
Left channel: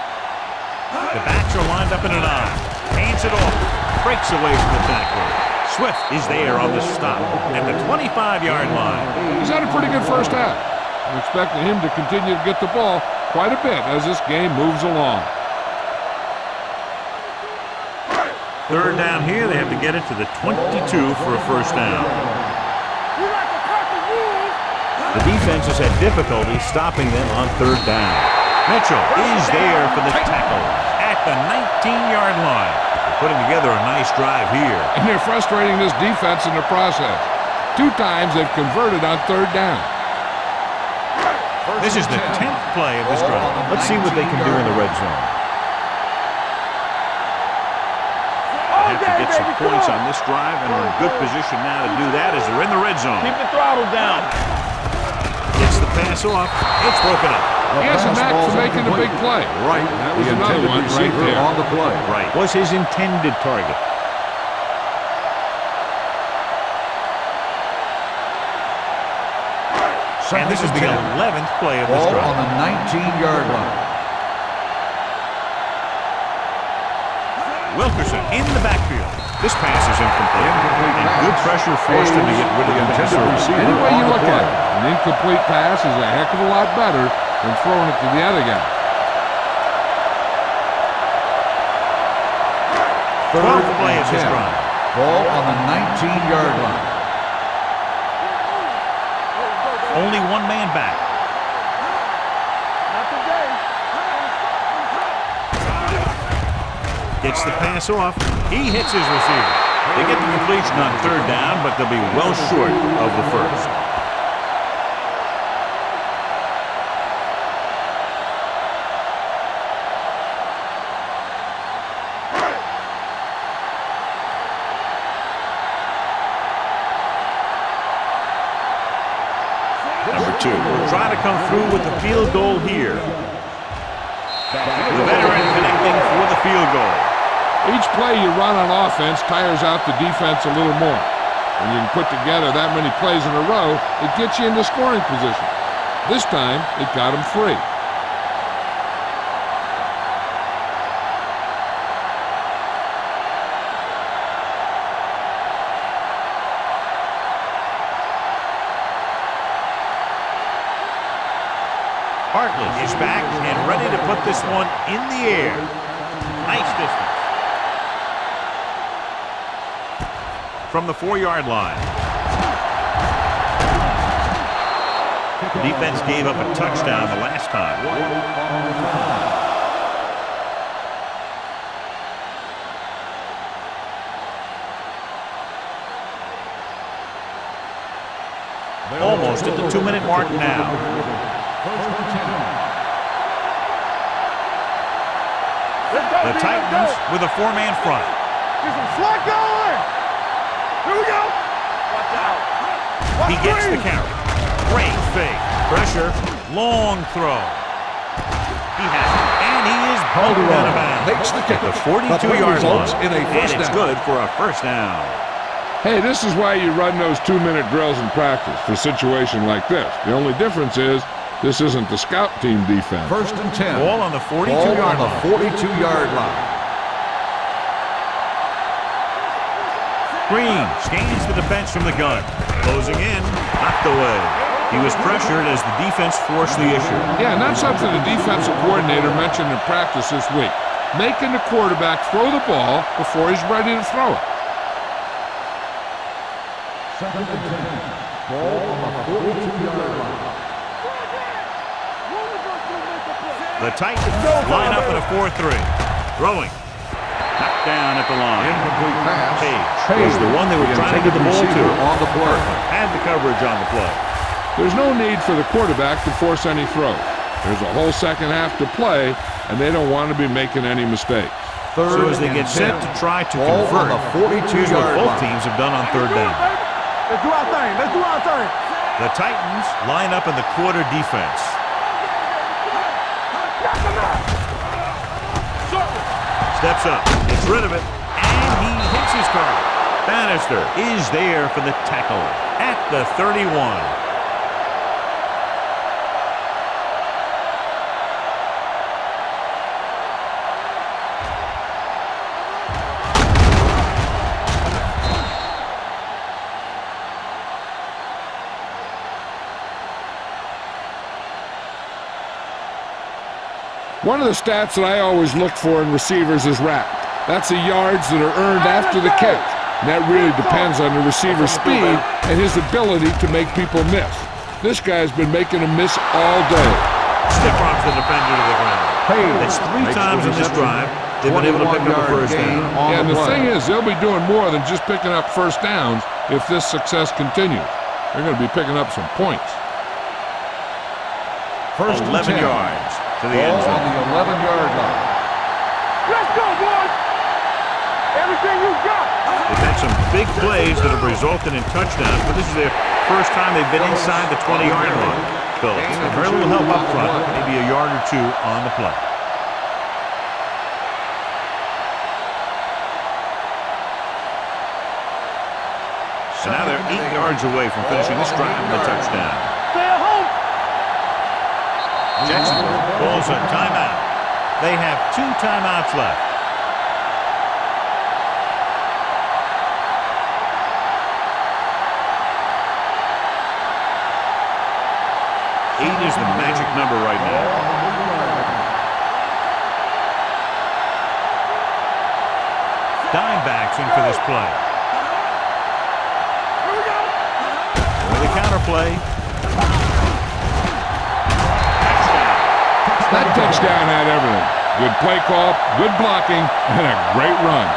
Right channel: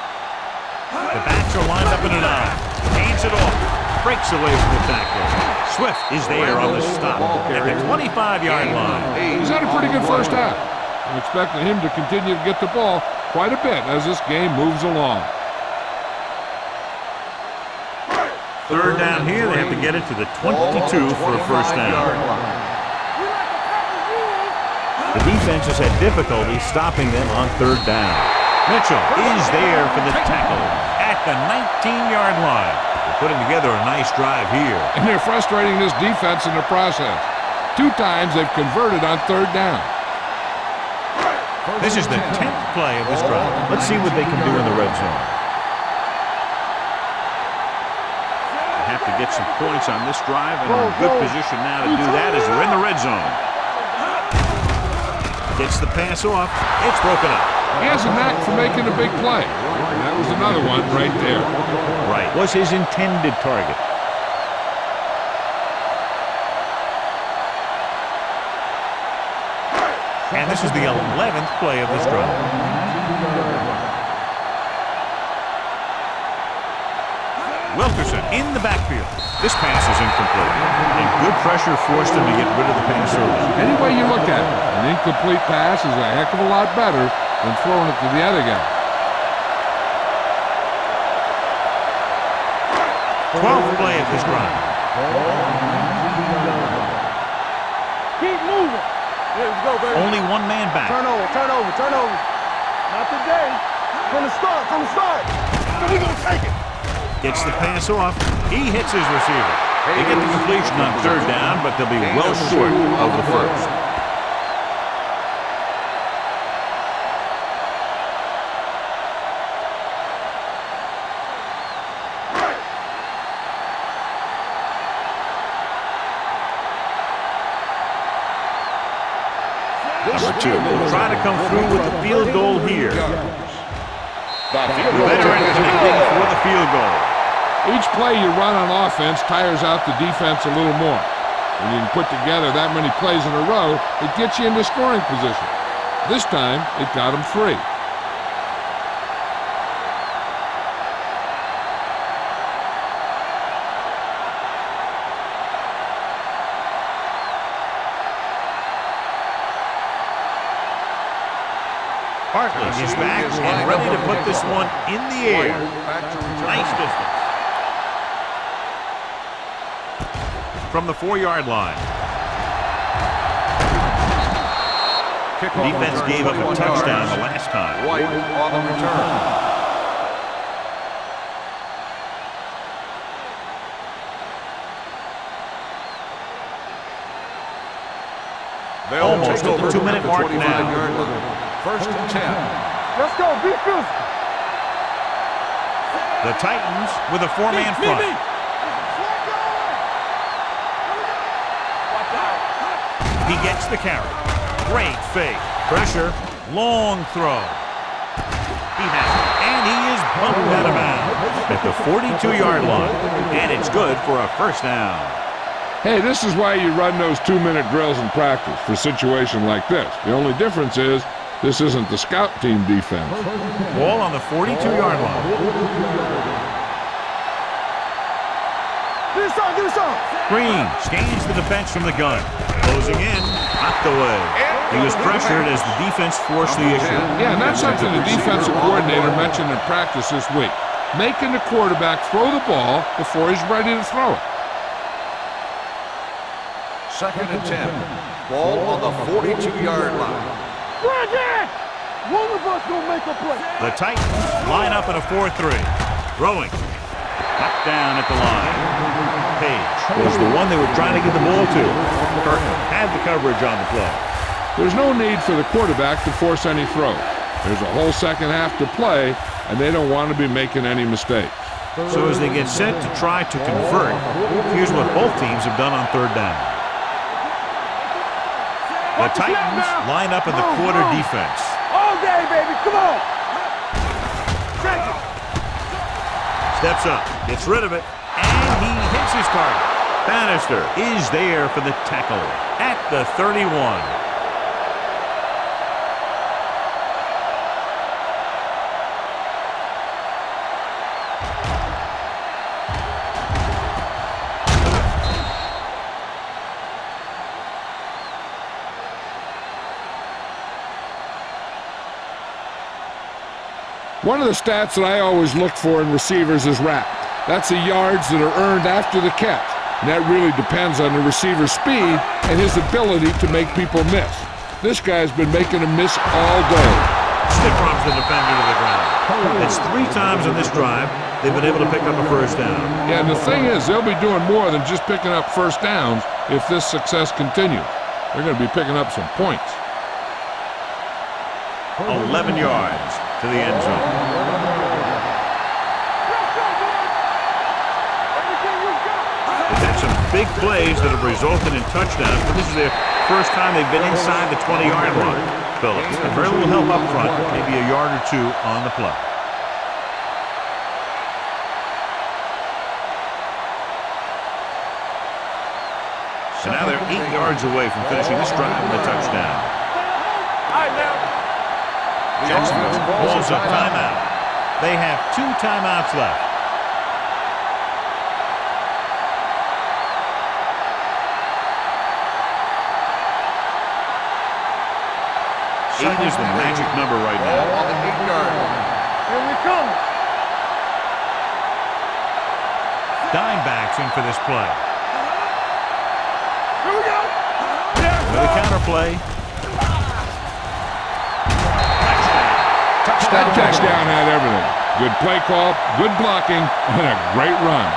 The backs are lined up in an eye. Hands it off. Breaks away from the tackler. Swift is there on the stop at the 25-yard line. He's had a pretty good first half. I'm expecting him to continue to get the ball quite a bit as this game moves along. 3rd down here. They have to get it to the 22 for a 1st down. We like a pack of wolves. The defense has had difficulty stopping them on 3rd down. Mitchell is there for the tackle at the 19-yard line. They're putting together a nice drive here. And they're frustrating this defense in the process. 2 times they've converted on 3rd down. This is the 10th play of this drive. Let's see what they can do in the red zone. They have to get some points on this drive and are in good position now to do that as they're in the red zone. Gets the pass off. It's broken up. He has a knack for making a big play. Right. And that was another one right there. On the play. Right. Was his intended target. And this is the 11th play of this Ball drive. on the 19-yard line. Wilkerson in the backfield. This pass is incomplete. And good pressure forced him to get rid of the pass early. Any way you look at it, an incomplete pass is a heck of a lot better than throwing it to the other guy. 12th play of this drive. Ball on the 19-yard line. Keep moving. Let's go, baby. Only one man back. Turn over. Not today. From the start. We're going to take it. Gets the pass off. He hits his receiver. They get the completion on third down, but they'll be well short of the first. Number 2 will try to come through with the field goal here. The veteran connecting for the field goal. Each play you run on offense tires out the defense a little more. When you can put together that many plays in a row, it gets you into scoring position. This time, it got him 3. Bartlett is back and ready to put this one in the air. Nice distance. From the 4-yard line. The defense gave up a touchdown the last time. White on the return. Almost at the 2-minute mark now. First and 10. Let's go. Be physical. The Titans with a 4-man front. Get some slack going. Here we go. Watch out. He gets the carry. Great fake. Pressure. Long throw. He has it. And he is bumped out of bounds at the 42-yard line. And it's good for a first down. Hey, this is why you run those 2-minute drills in practice for a situation like this. The only difference is this isn't the scout team defense. First and 10. Ball on the 42-yard line. 42-yard line. Green scans the defense from the gun. Closing in. Knocked away. He was pressured as the defense forced the issue. Yeah, and that's something the defensive coordinator mentioned in practice this week. Making the quarterback throw the ball before he's ready to throw it. Second and 10. Ball on the 42-yard line. One of us gonna make a play. The Titans line up in a 4-3. Throwing. Knocked down at the line. Page was the one they were trying to get the ball to. Kirkland had the coverage on the play. There's no need for the quarterback to force any throws. There's a whole second half to play, and they don't want to be making any mistakes. So as they get set to try to convert, here's what both teams have done on third down. Let's do our thing. The Titans line up in the quarter defense. Steps up, gets rid of it, and he hits his target. Bannister is there for the tackle at the 31. One of the stats that I always look for in receivers is RAP. That's the yards that are earned after the catch. And that really depends on the receiver's speed and his ability to make people miss. This guy's been making them miss all day. Stiff arms the defender to the ground. That's 3 times in this drive they've been able to pick up a first down. Yeah, and the thing is, they'll be doing more than just picking up first downs if this success continues. They're going to be picking up some points. 11 yards to the end zone. 11-yard line. Let's go, boys. Everything you got. They've had some big plays that have resulted in touchdowns, but this is their first time they've been inside the 20-yard line. Phillips. And very little help up front, maybe a yard or two on the play. So now they're 8 yards away from finishing this drive with a touchdown. Stay at home. Jacksonville calls a timeout. They have 2 timeouts left. Eight is the magic number right now. Dime backs in for this play. Here we go. With a counter play. Touchdown. That touchdown had everything. Good play call, good blocking, and a great run.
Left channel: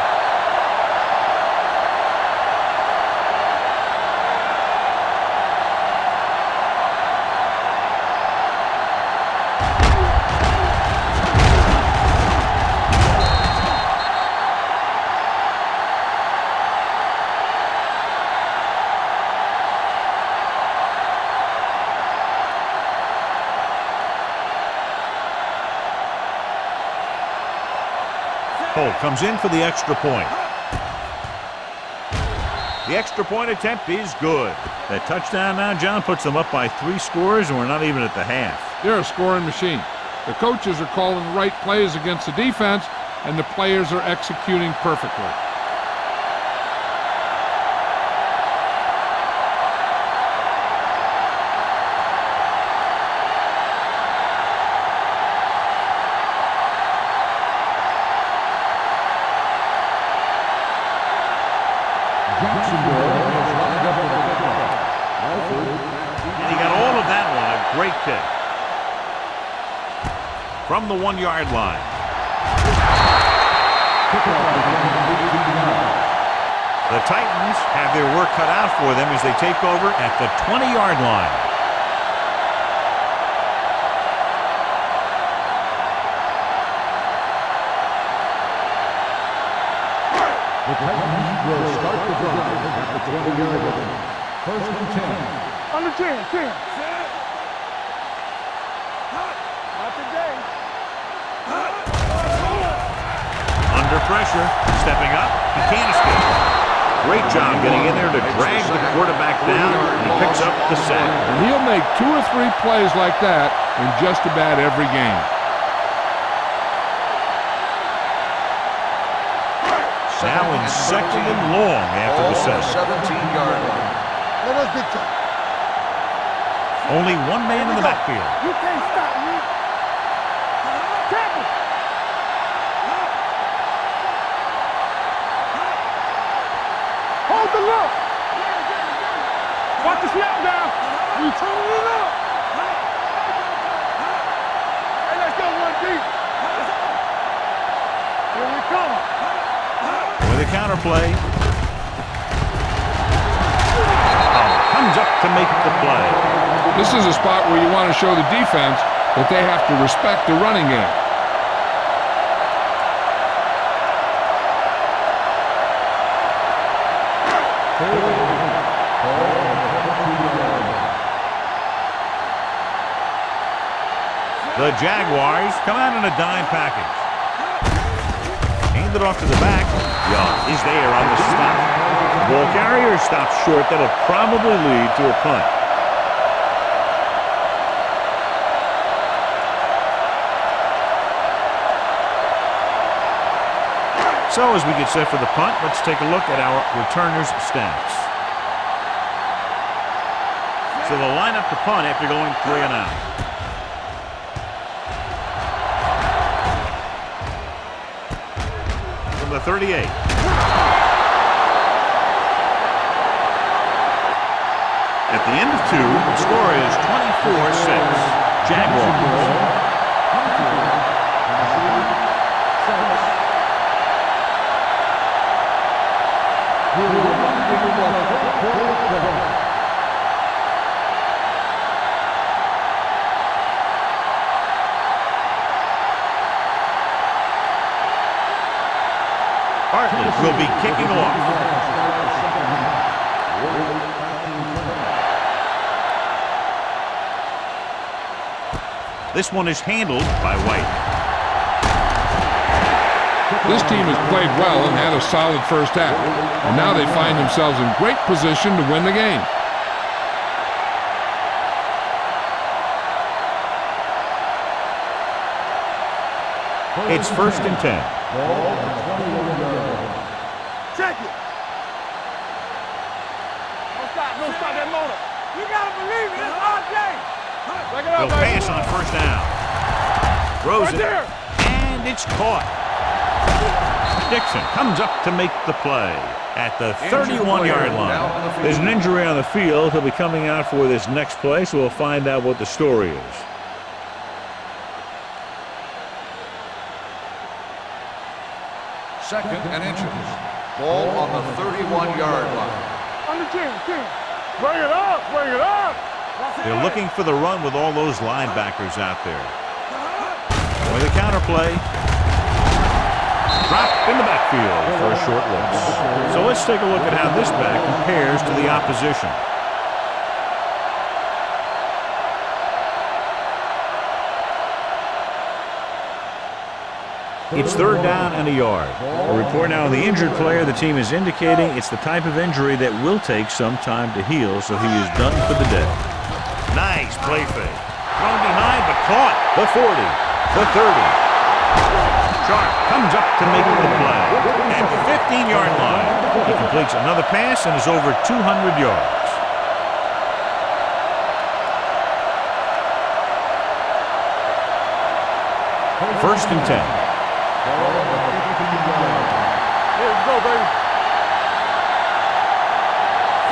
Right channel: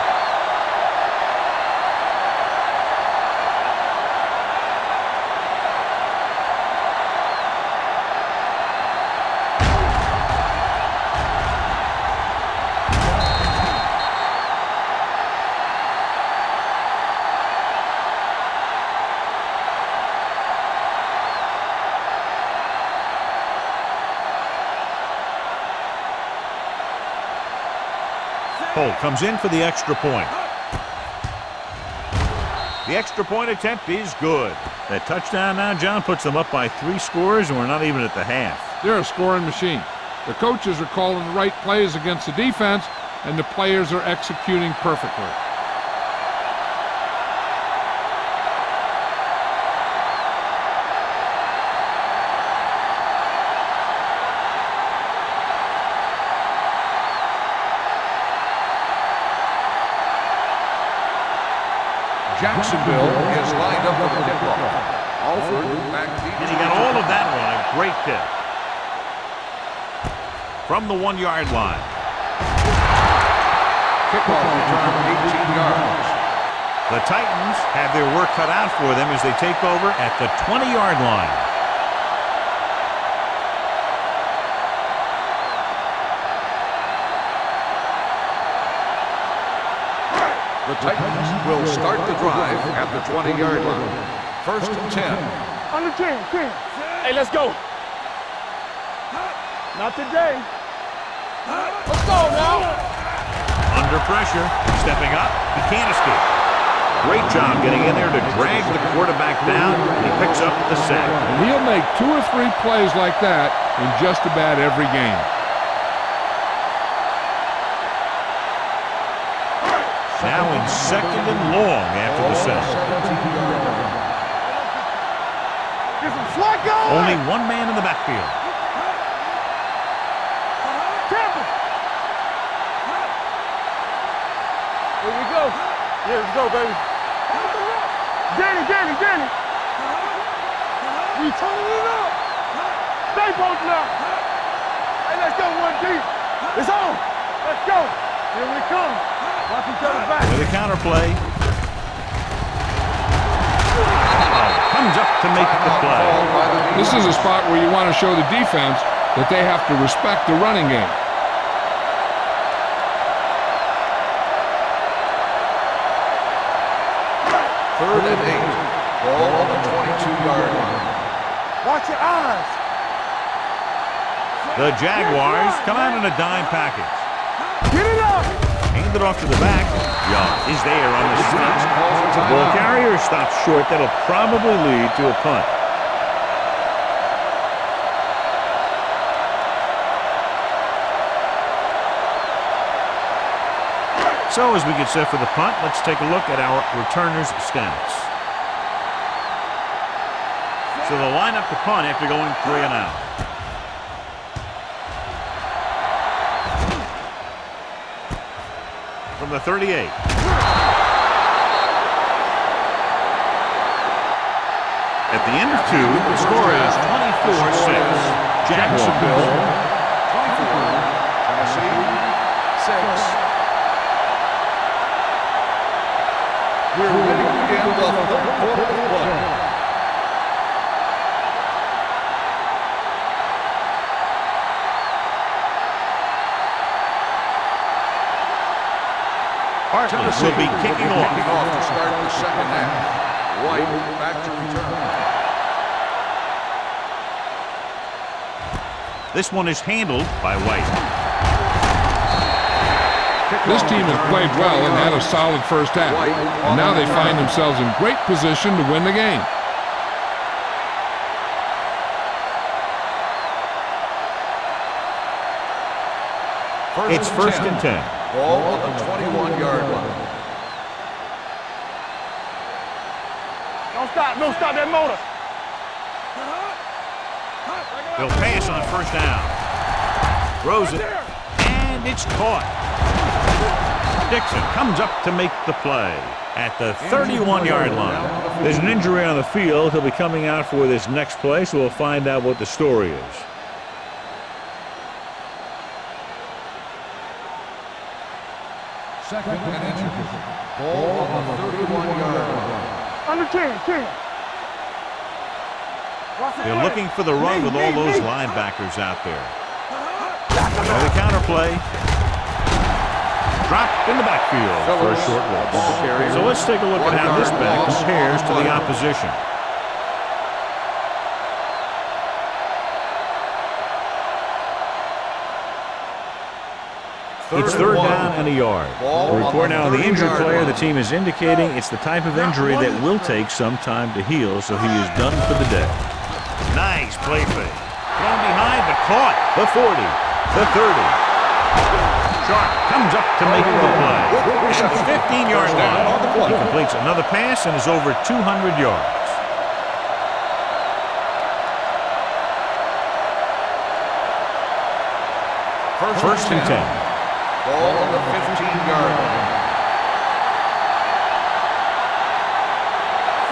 Holt comes in for the extra point. The extra point attempt is good. That touchdown now, John, puts them up by 3 scores, and we're not even at the half. They're a scoring machine. The coaches are calling the right plays against the defense, and the players are executing perfectly. Jacksonville is lined up with the football. And he got all of that one. A great kick. From the 1-yard line. The Titans have their work cut out for them as they take over at the 20-yard line. The Titans will start the drive at the 20-yard line. 1st and 10. Under 10. Hey, let's go. Not today. Let's go now. Under pressure, stepping up, he can't escape. Great job getting in there to drag the quarterback down, and he picks up the sack. And he'll make 2 or 3 plays like that in just about every game. Now in 2nd and long after the set. 17-yard line. Only 1 man in the backfield. Here we go, baby. Hold the look. Danny. Put the snap down. We turning it up. Stay both now. Hey, let's go 1 deep. It's on. Let's go. Here we come. With a counter play. Comes up to make the play. This is a spot where you want to show the defense that they have to respect the running game. Third and 8. Ball on the 22-yard line. Watch your eyes. The Jaguars come out in a dime package. Hand it off to the back. Young is there on the stop. The ball carrier stops short. That'll probably lead to a punt. So as we get set for the punt, let's take a look at our returners' stats. So they'll line up to punt after going 3 and out. From the 38. At the end of 2, the score is 24-6. Jaguars. Hartley will be kicking off. This one is handled by White. This team has played well and had a solid first half, and now they find themselves in great position to win the game. It's 1st and 10. Ball on the 21-yard line. Check it. Don't stop that motor. You gotta believe it. They'll pass on 1st down. Throws it, and it's caught. Dixon comes up to make the play at the 31-yard line. There's an injury on the field. He'll be coming out for this next play, so we'll find out what the story is. Second and inches. Ball on the 31-yard line. Under 10. Bring it up. They're looking for the run with all those linebackers out there. With a counter play. Dropped in the backfield for a short loss. So let's take a look at how this back compares to the opposition. It's 3rd down and a yard. A report now on the injured player. The team is indicating it's the type of injury that will take some time to heal, so he is done for the day. Nice play fake. Thrown behind, but caught. The 40, the 30. Sharp comes up to make the play. At the 15-yard line, he completes another pass and is over 200 yards. First and 10. Ball on the 15-yard line. Let's go, baby.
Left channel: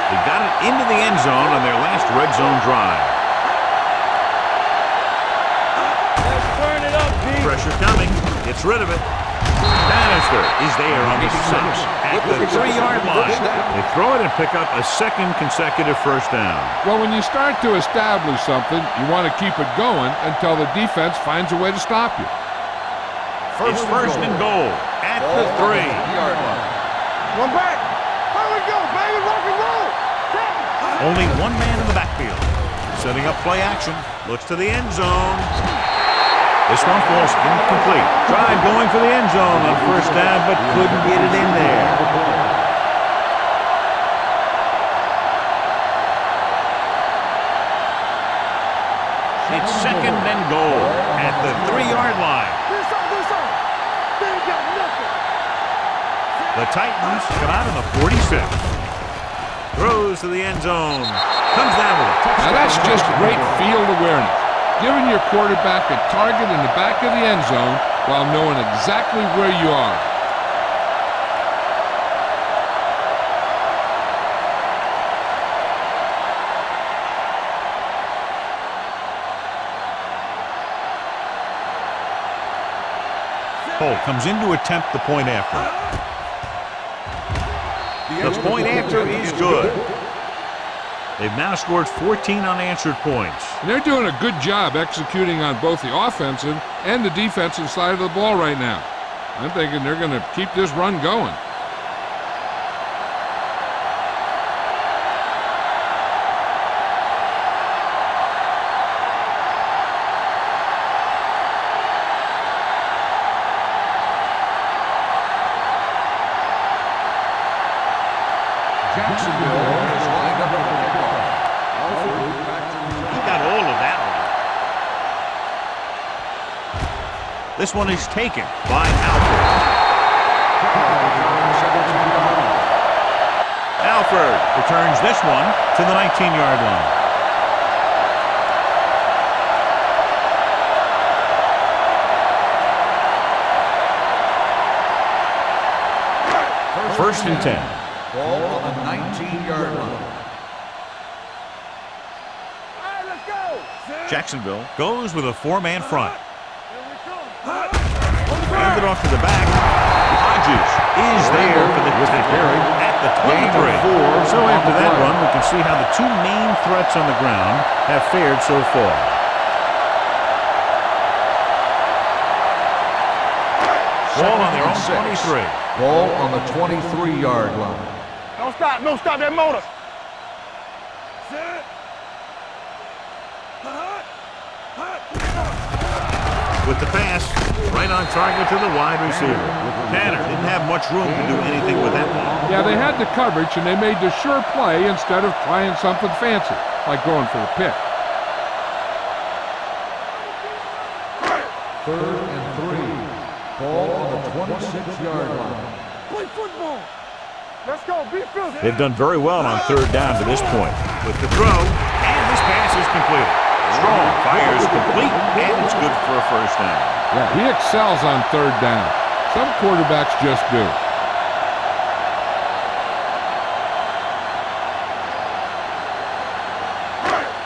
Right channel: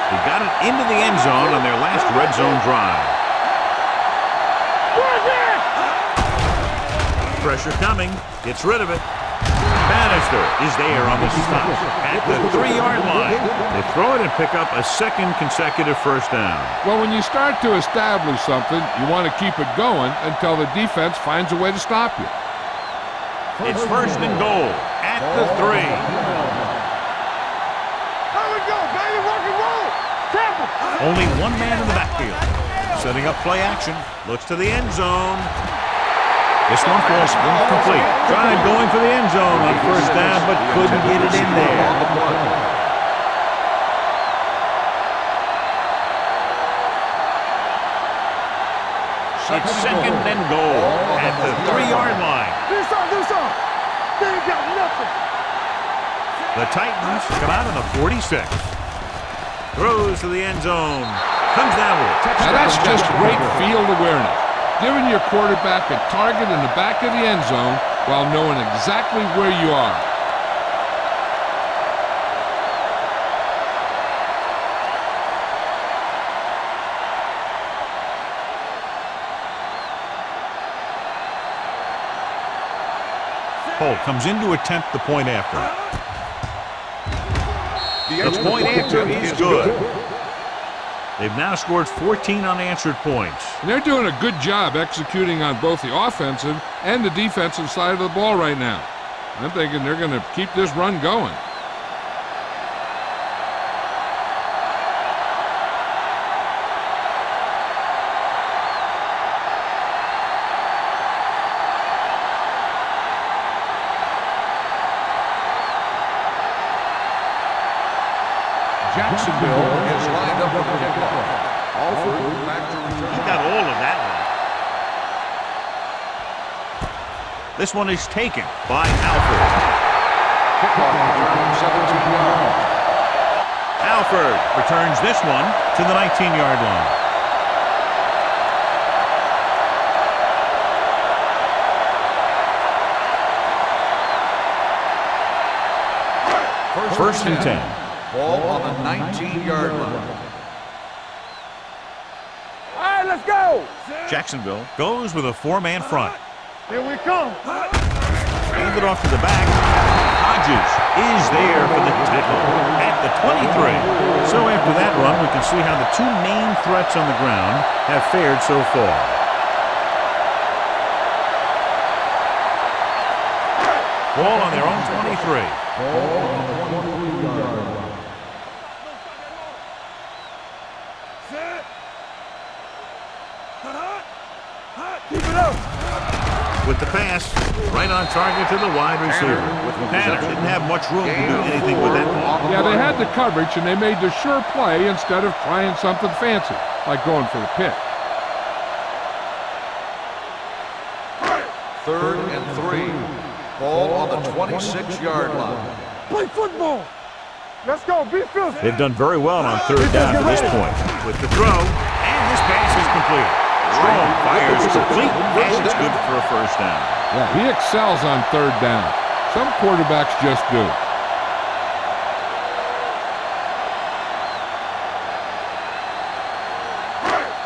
They got it into the end zone on their last red zone drive. Pressure coming. Gets rid of it. Bannister is there on the stop at the 3-yard line. They throw it and pick up a second consecutive first down. Well, when you start to establish something, you want to keep it going until the defense finds a way to stop you. It's 1st and goal at the 3. One back. Here we go, baby. Rock and roll. Temple. Only one man in the backfield. Setting up play action. Looks to the end zone. This one falls incomplete. Tried going for the end zone on 1st down, but couldn't get it in there. It's 2nd and goal at the 3-yard line. Do something. They ain't got nothing. The Titans come out on the 46. Throws to the end zone. Comes down with it. Now that's just great field awareness. Giving your quarterback a target in the back of the end zone while knowing exactly where you are. Holt comes in to attempt the point after. The point after is good. They've now scored 14 unanswered points. And they're doing a good job executing on both the offensive and the defensive side of the ball right now. I'm thinking they're going to keep this run going. Jacksonville is lined up for the kickoff. Alford back to return. He got all of that one. This one is taken by Alford. Kickoff return 17 yards. Alford returns this one to the 19-yard line. First and 10. Ball on the 19-yard line. All right, let's go. Jacksonville goes with a 4-man front. Here we come. Hand it off to the back. Hodges is there for the tackle at the 23. So after that run, we can see how the two main threats on the ground have fared so far. Ball on their own 23. Ball on the 23-yard line. Don't stop that motor. Set. Hot. Keep it up. With the pass, right on target to the wide receiver. Tanner didn't have much room to do anything with that one. Yeah, they had the coverage, and they made the sure play instead of trying something fancy, like going for the pick. 3rd and 3. Ball on the 26-yard line. Play football. Let's go. Be physical. They've done very well on 3rd down to this point. With the throw, and this pass is completed. Strong fires complete, and it's good for a first down. Yeah, he excels on 3rd down. Some quarterbacks just do.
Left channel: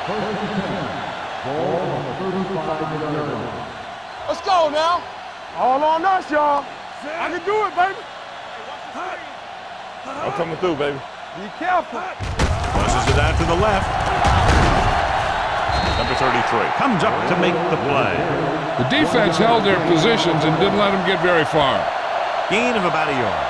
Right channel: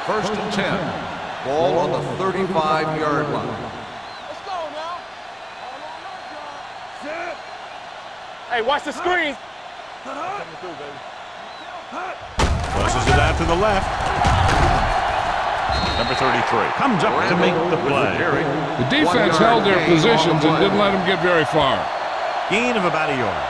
First and 10. Ball on the 35-yard line. Let's go now. All on us, y'all. I can do it, baby. Hey, watch the screen. I'm coming through, baby. Be careful. Pushes it out to the left. Number 33 comes up to make the play. The defense held their positions and didn't let them get very far. Gain of about a yard.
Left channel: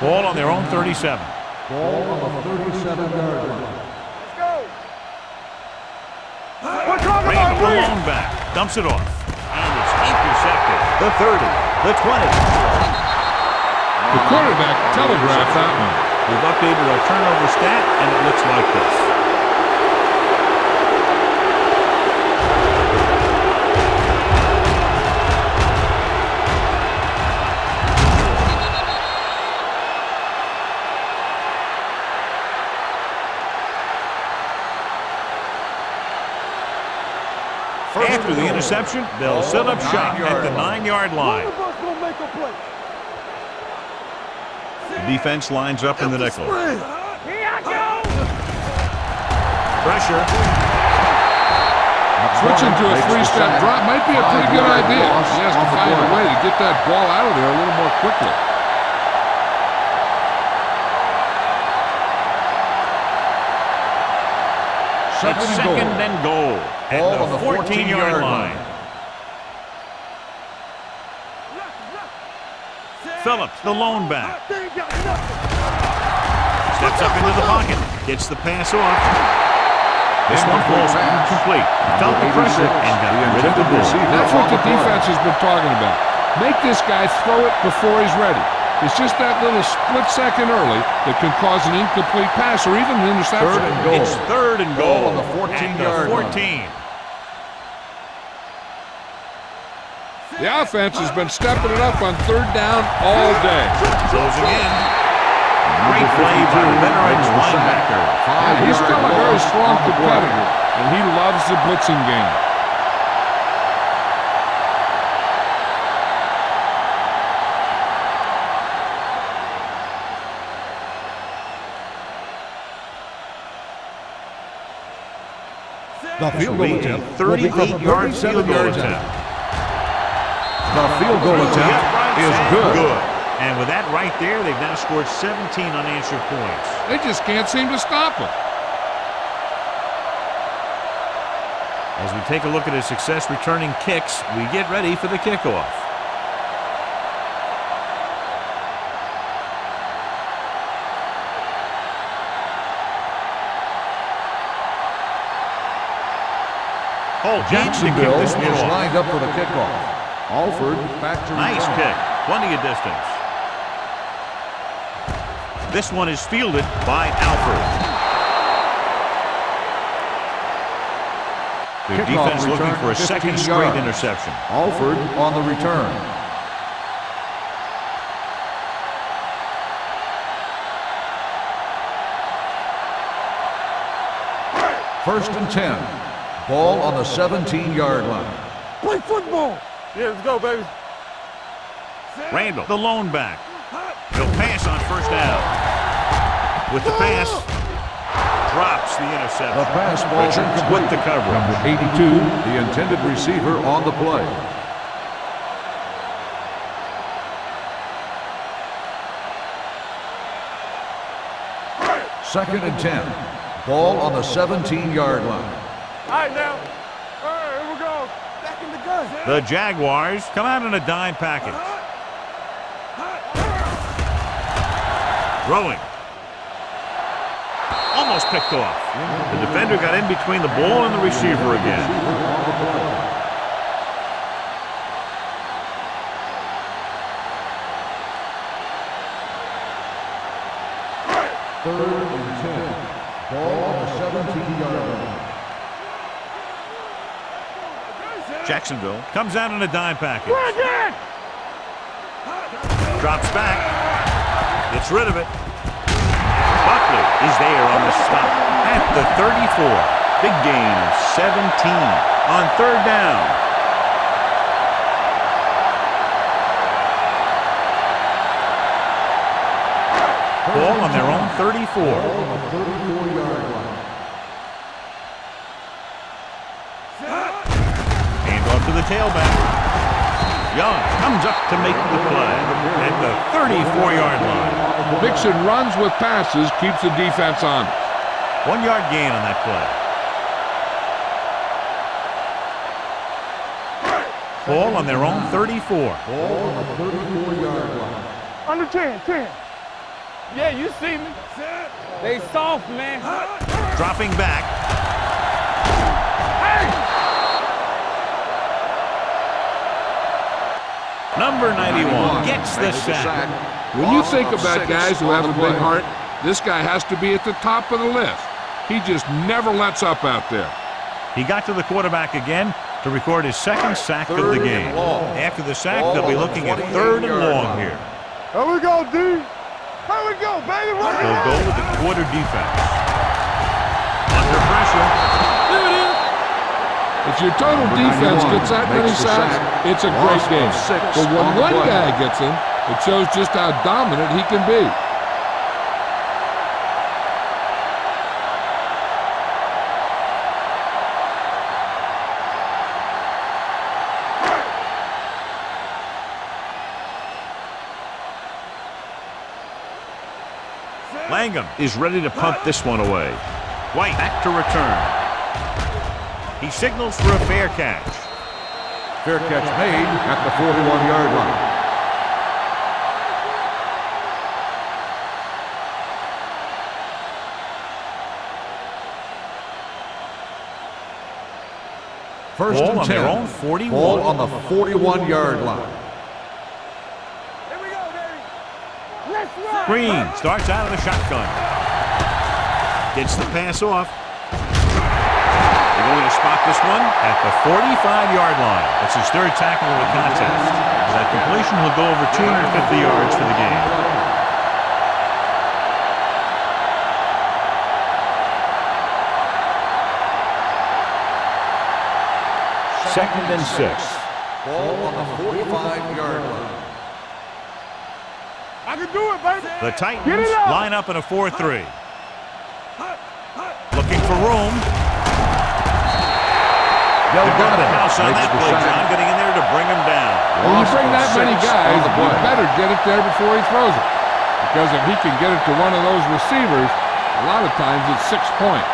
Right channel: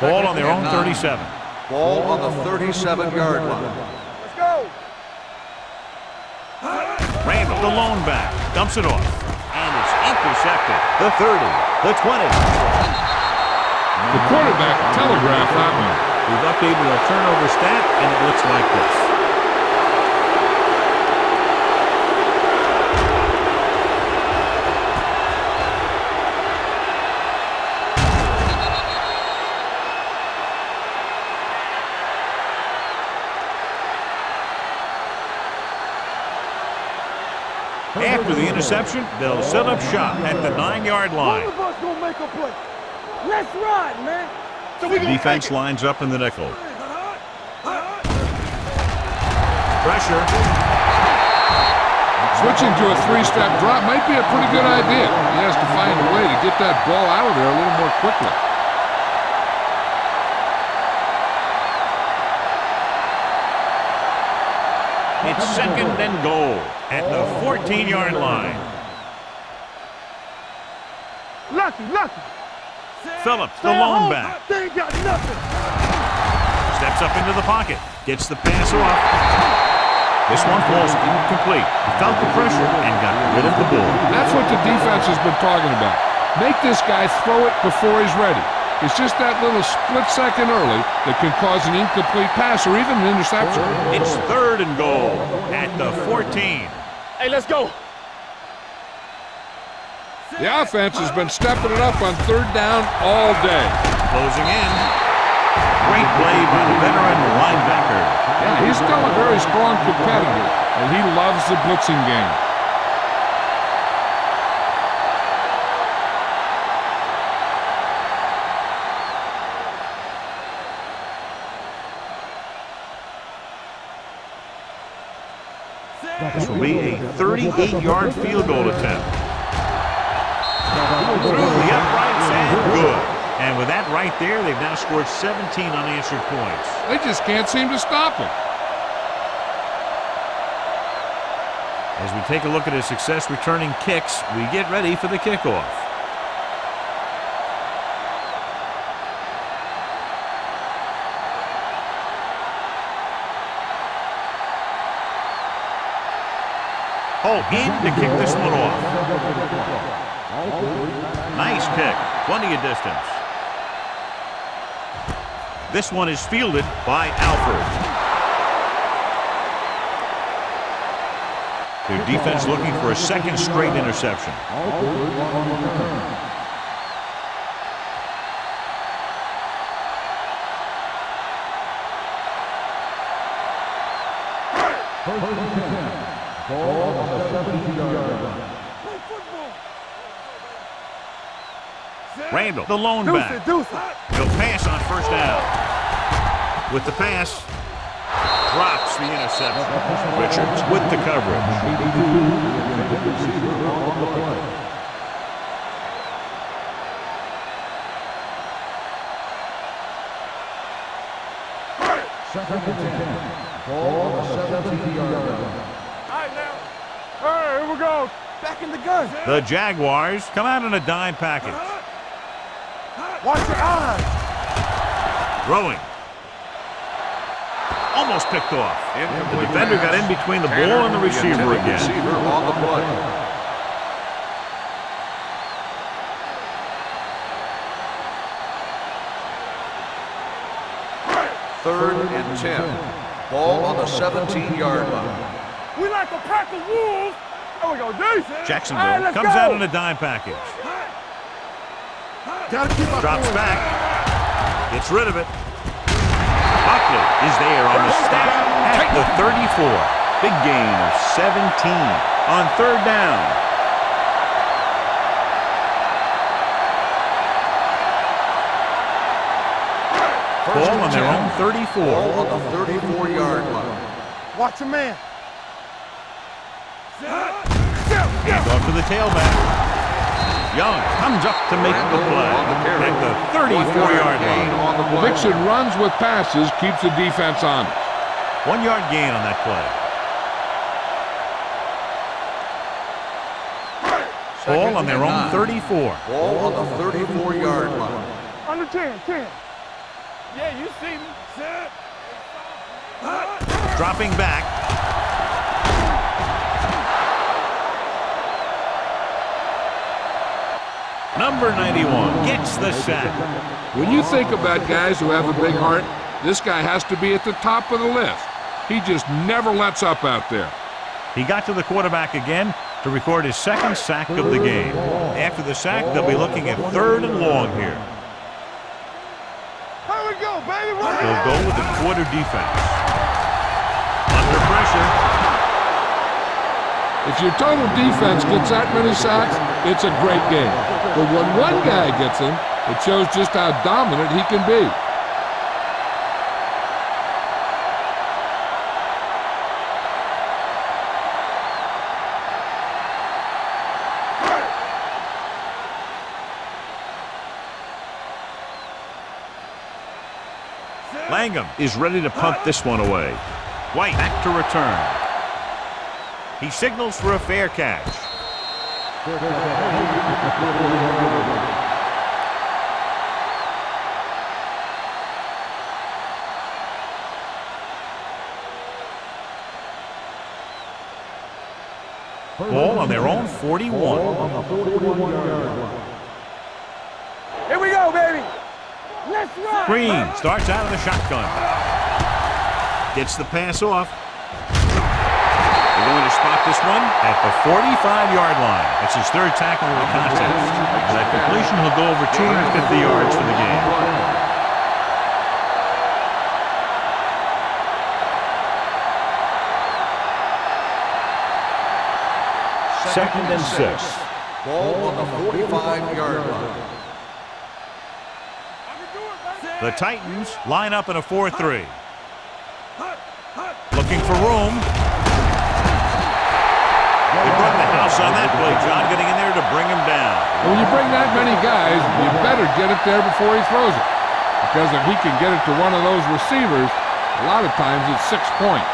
Ball on their own 37. Ball on the 37-yard line. Let's go. Randall, the lone back, dumps it off. And it's intercepted. The 30, the 20. The quarterback telegraphed that one. We've updated our turnover stat, and it looks like this. After the interception, they'll set up shop at the 9-yard line. One of us gonna make a play. Let's run, man. The defense lines up in the nickel. Pressure. Switching to a 3-step drop might be a pretty good idea. He has to find a way to get that ball out of there a little more quickly. It's second and goal at the 14-yard line. Lucky. Phillips, the lone back. They ain't got nothing. Steps up into the pocket. Gets the pass off. This one falls incomplete. He felt the pressure and got rid of the ball. That's what the defense has been talking about. Make this guy throw it before he's ready. It's just that little split second early that can cause an incomplete pass or even an interception. It's third and goal at the 14. Hey, let's go. The offense has been stepping it up on 3rd down all day. Closing in. Great play by the veterans linebacker. Yeah, he's still a very strong competitor, and he loves the blitzing game. This will be a 38-yard field goal attempt. Through the uprights and good. And with that right there, they've now scored 17 unanswered points. They just can't seem to stop him. As we take a look at his success returning kicks, we get ready for the kickoff. Holt in to kick this one off. Lined up for the kickoff. Alford back to Nice kick. Plenty of distance. This one is fielded by Alford. Their defense looking for a second straight interception. Alford on the return. First and 10. Ball on the 17-yard line. Play football. Yeah, let's go, baby. Randall, the lone back. He'll pass on first down. With the pass, drops the interception. Richards with the coverage. 82, the intended receiver on the play. Second and 10. Ball on the 17-yard line. All right, now. All right, here we go. Back in the gun. The Jaguars come out in a dime package. Throwing. almost picked off. The defender got in between the ball and the receiver again. Third and 10. Ball on the 17-yard line. We like to practice rules. There we go, Jason. Jacksonville Hey, comes go. out in a dime package. Bring it. Drops back. Gets rid of it. Buckley is there on the stop at the 34. Big gain of 17 on third down. Ball on their own 34. Ball on the 34-yard line. Watch your man. Hand off to the tailback. Young comes up to make the play at the 34-yard line. Mixon runs with passes, keeps the defense honest. 1 yard gain on that play. Ball on their own 34. Ball on the 34-yard line. Under 10, 10. Yeah, you see me. They soft, man. Dropping back. Number 91 gets the sack. When you think about guys who have a big heart, this guy has to be at the top of the list. He just never lets up out there. He got to the quarterback again to record his second sack of the game. After the sack, they'll be looking at 3rd and long here. There we go, D. Here we go, baby. Run They'll it. go with the quarter defense. Under pressure. If your total defense gets that many sacks, it's a great game. But when one guy gets them, it shows just how dominant he can be. Langham is ready to punt this one away. White back to return. He signals for a fair catch. Fair catch made at the 41-yard line. First Ball and on their 10. own 41. Ball on the 41-yard line. Here we go, baby. Let's run. Green starts out of the shotgun. Gets the pass off. They're going to spot this one at the 45-yard line. That's his 3rd tackle of the contest. With that completion, he'll go over 250 yards for the game. Second and 6. Ball on the 45-yard line. I can do it, baby. The Titans up. line up in a 4-3. Looking for room. They brought the house on that play, John, getting in there to bring him down. When you bring that many guys, you better get it there before he throws it. Because if he can get it to one of those receivers, a lot of times it's 6 points.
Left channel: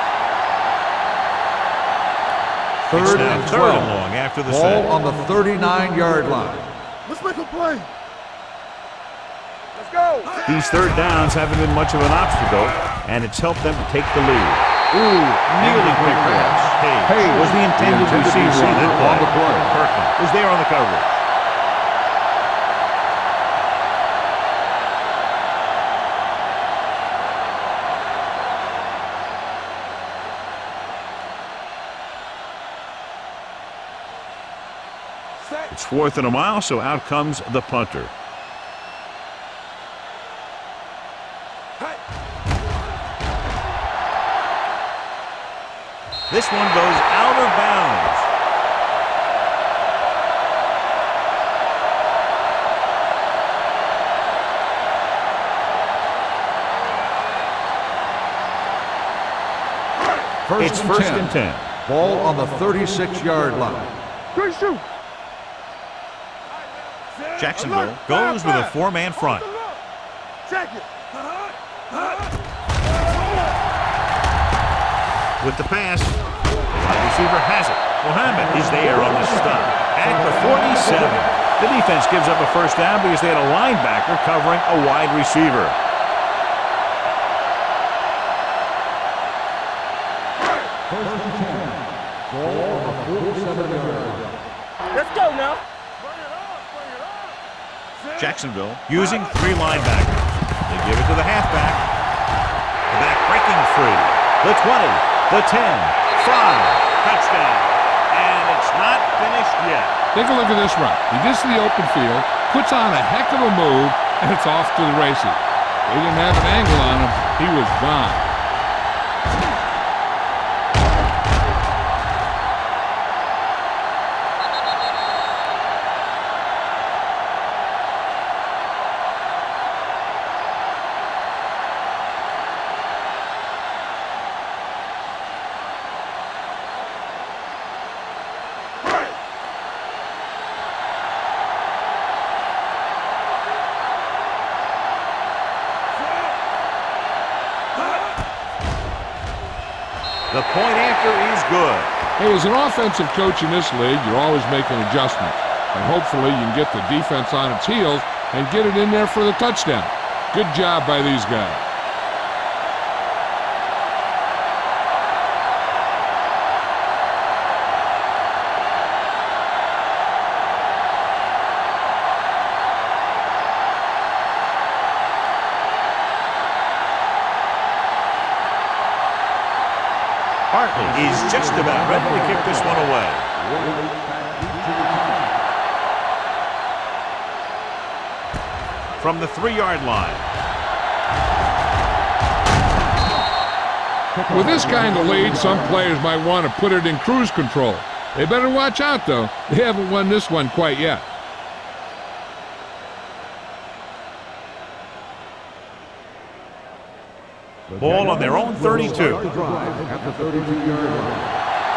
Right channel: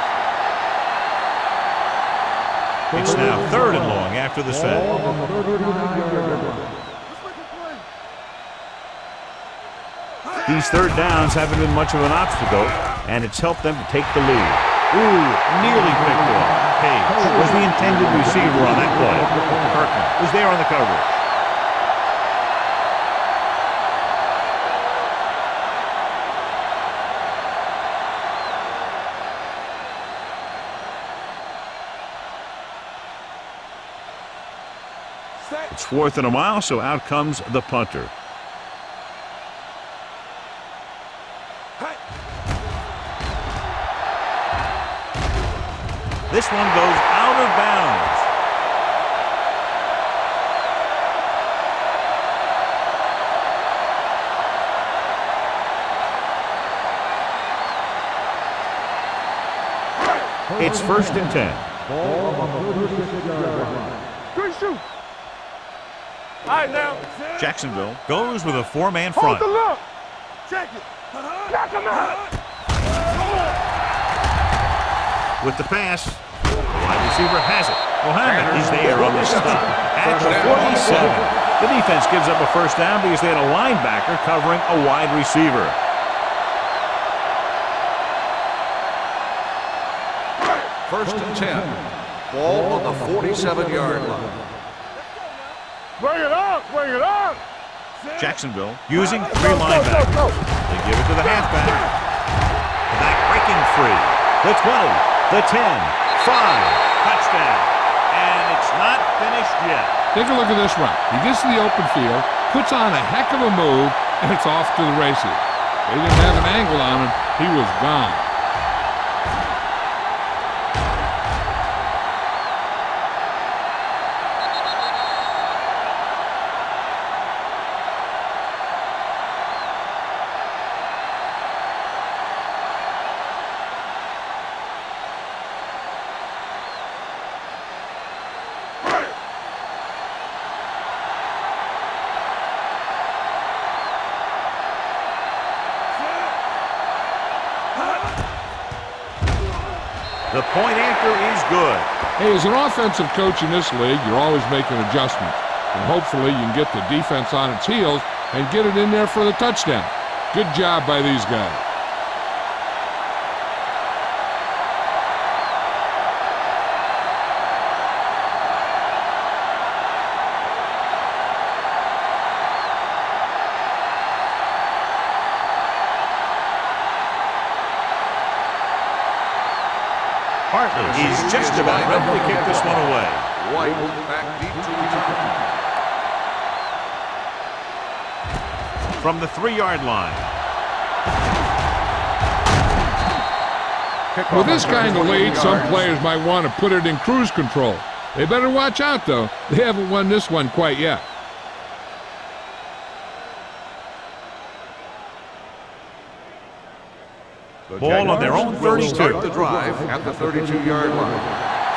It's now 3rd and long after the set. Ball on the 39-yard line. Let's make a play. Let's go. These 3rd downs haven't been much of an obstacle, and it's helped them to take the lead. Ooh, nearly picked off. Page was the intended receiver on that play. Kirkland was there on the coverage. It's 4th and a mile, so out comes the punter. This one goes out of bounds. It's 1st and 10. Ball on the 36-yard line. Good shoot. All right, now. Jacksonville goes with a 4-man Hold front. the look. Check it. Knock him out. With the pass, the wide receiver has it. Mohammed is there on the stop at the 47. The defense gives up a 1st down because they had a linebacker covering a wide receiver. First and 10. Ball on the 47-yard line. Let's go now. Bring it up, bring it up. Jacksonville using 3 linebackers. They give it to the halfback. The back breaking free. The 20, the 10, 5, touchdown. And it's not finished yet. Take a look at this run. He gets to the open field, puts on a heck of a move, and it's off to the races. They didn't have an angle on him. He was gone. The point after is good. Hey, as an offensive coach in this league, you're always making adjustments. And hopefully you can get the defense on its heels and get it in there for the touchdown. Good job by these guys. Hartley is just about ready to kick this one away. From the 3-yard line. With this kind of lead, some players might want to put it in cruise control. They better watch out, though. They haven't won this one quite yet. Ball on their own 32. The drive at the 32-yard line.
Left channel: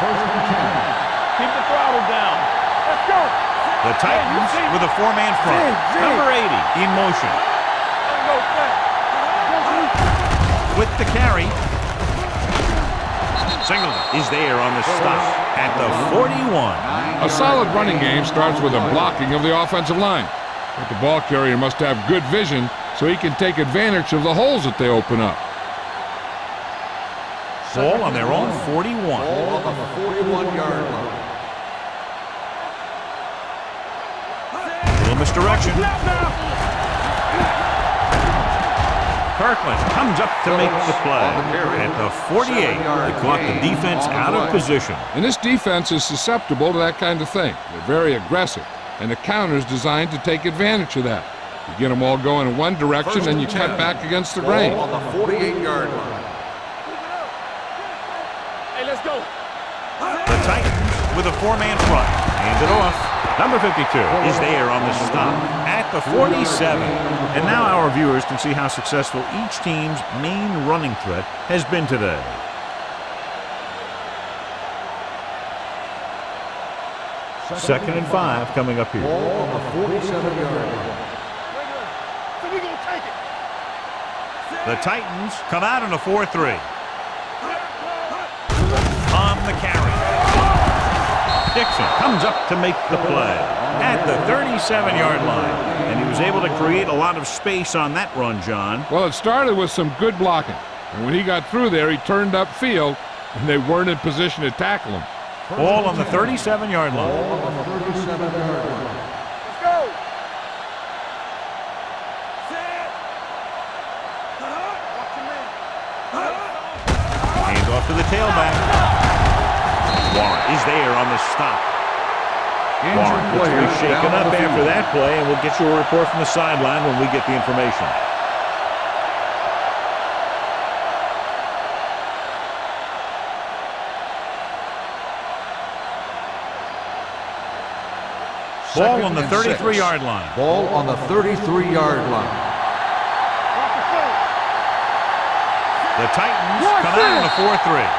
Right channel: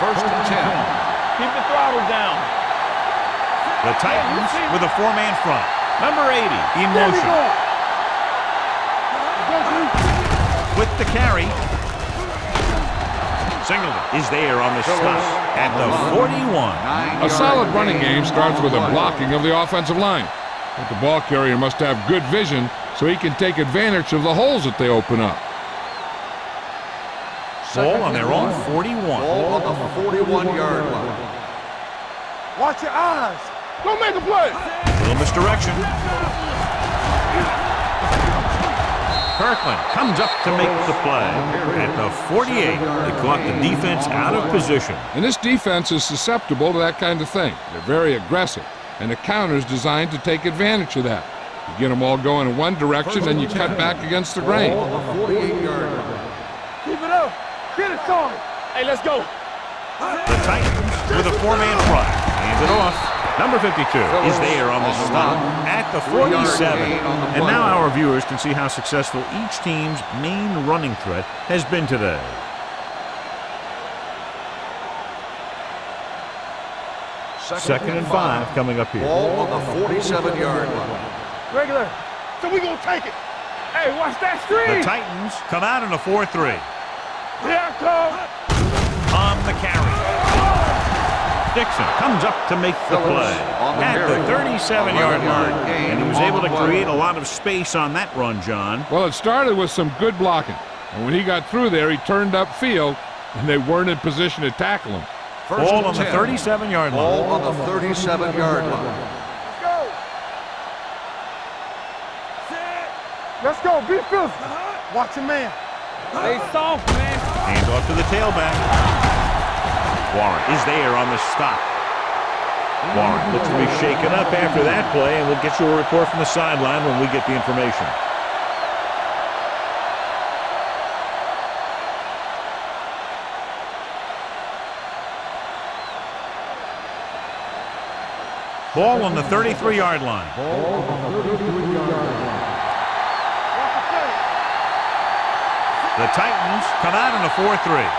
First and 10. Keep the throttle down. Let's go. The Titans with a 4-man front. Number 80 in motion. With the carry. Singleton is there on the stop at the 41. A solid running game starts with a blocking of the offensive line. But the ball carrier must have good vision so he can take advantage of the holes that they open up. Ball on their own 41. Ball on the 41-yard line. Watch your eyes. Don't make a play. Little misdirection. Kirkland comes up to make the play. At the 48, they caught the defense out of position. And this defense is susceptible to that kind of thing. They're very aggressive, and the counter's designed to take advantage of that. You get them all going in one direction, and you cut back against the grain. Ball on the 48-yard line. Hey, let's go. The Titans with a 4-man front. Hands it off. Number 52 is there on the stop at the 47. And now our viewers can see how successful each team's main running threat has been today. Second and 5 coming up here. Ball on the 47-yard line. Regular. So we gonna take it. Hey, watch that screen. The Titans come out in a 4-3. Yeah, come. On the carry. Dixon comes up to make the play at the 37-yard line. And he was able to create a lot of space on that run, John. Well, it started with some good blocking. And when he got through there, he turned upfield, and they weren't in position to tackle him. Ball on the 37-yard line. Ball on the 37-yard line. Let's go. Set. Let's go. Be filthy. Watch your man. Stay soft, man. Hand off to the tailback. Warren is there on the stop. Warren looks to be shaken up after that play, and we'll get you a report from the sideline when we get the information. Ball on the 33-yard line. Ball on the 33-yard line. Watch the play. The Titans come out in a 4-3.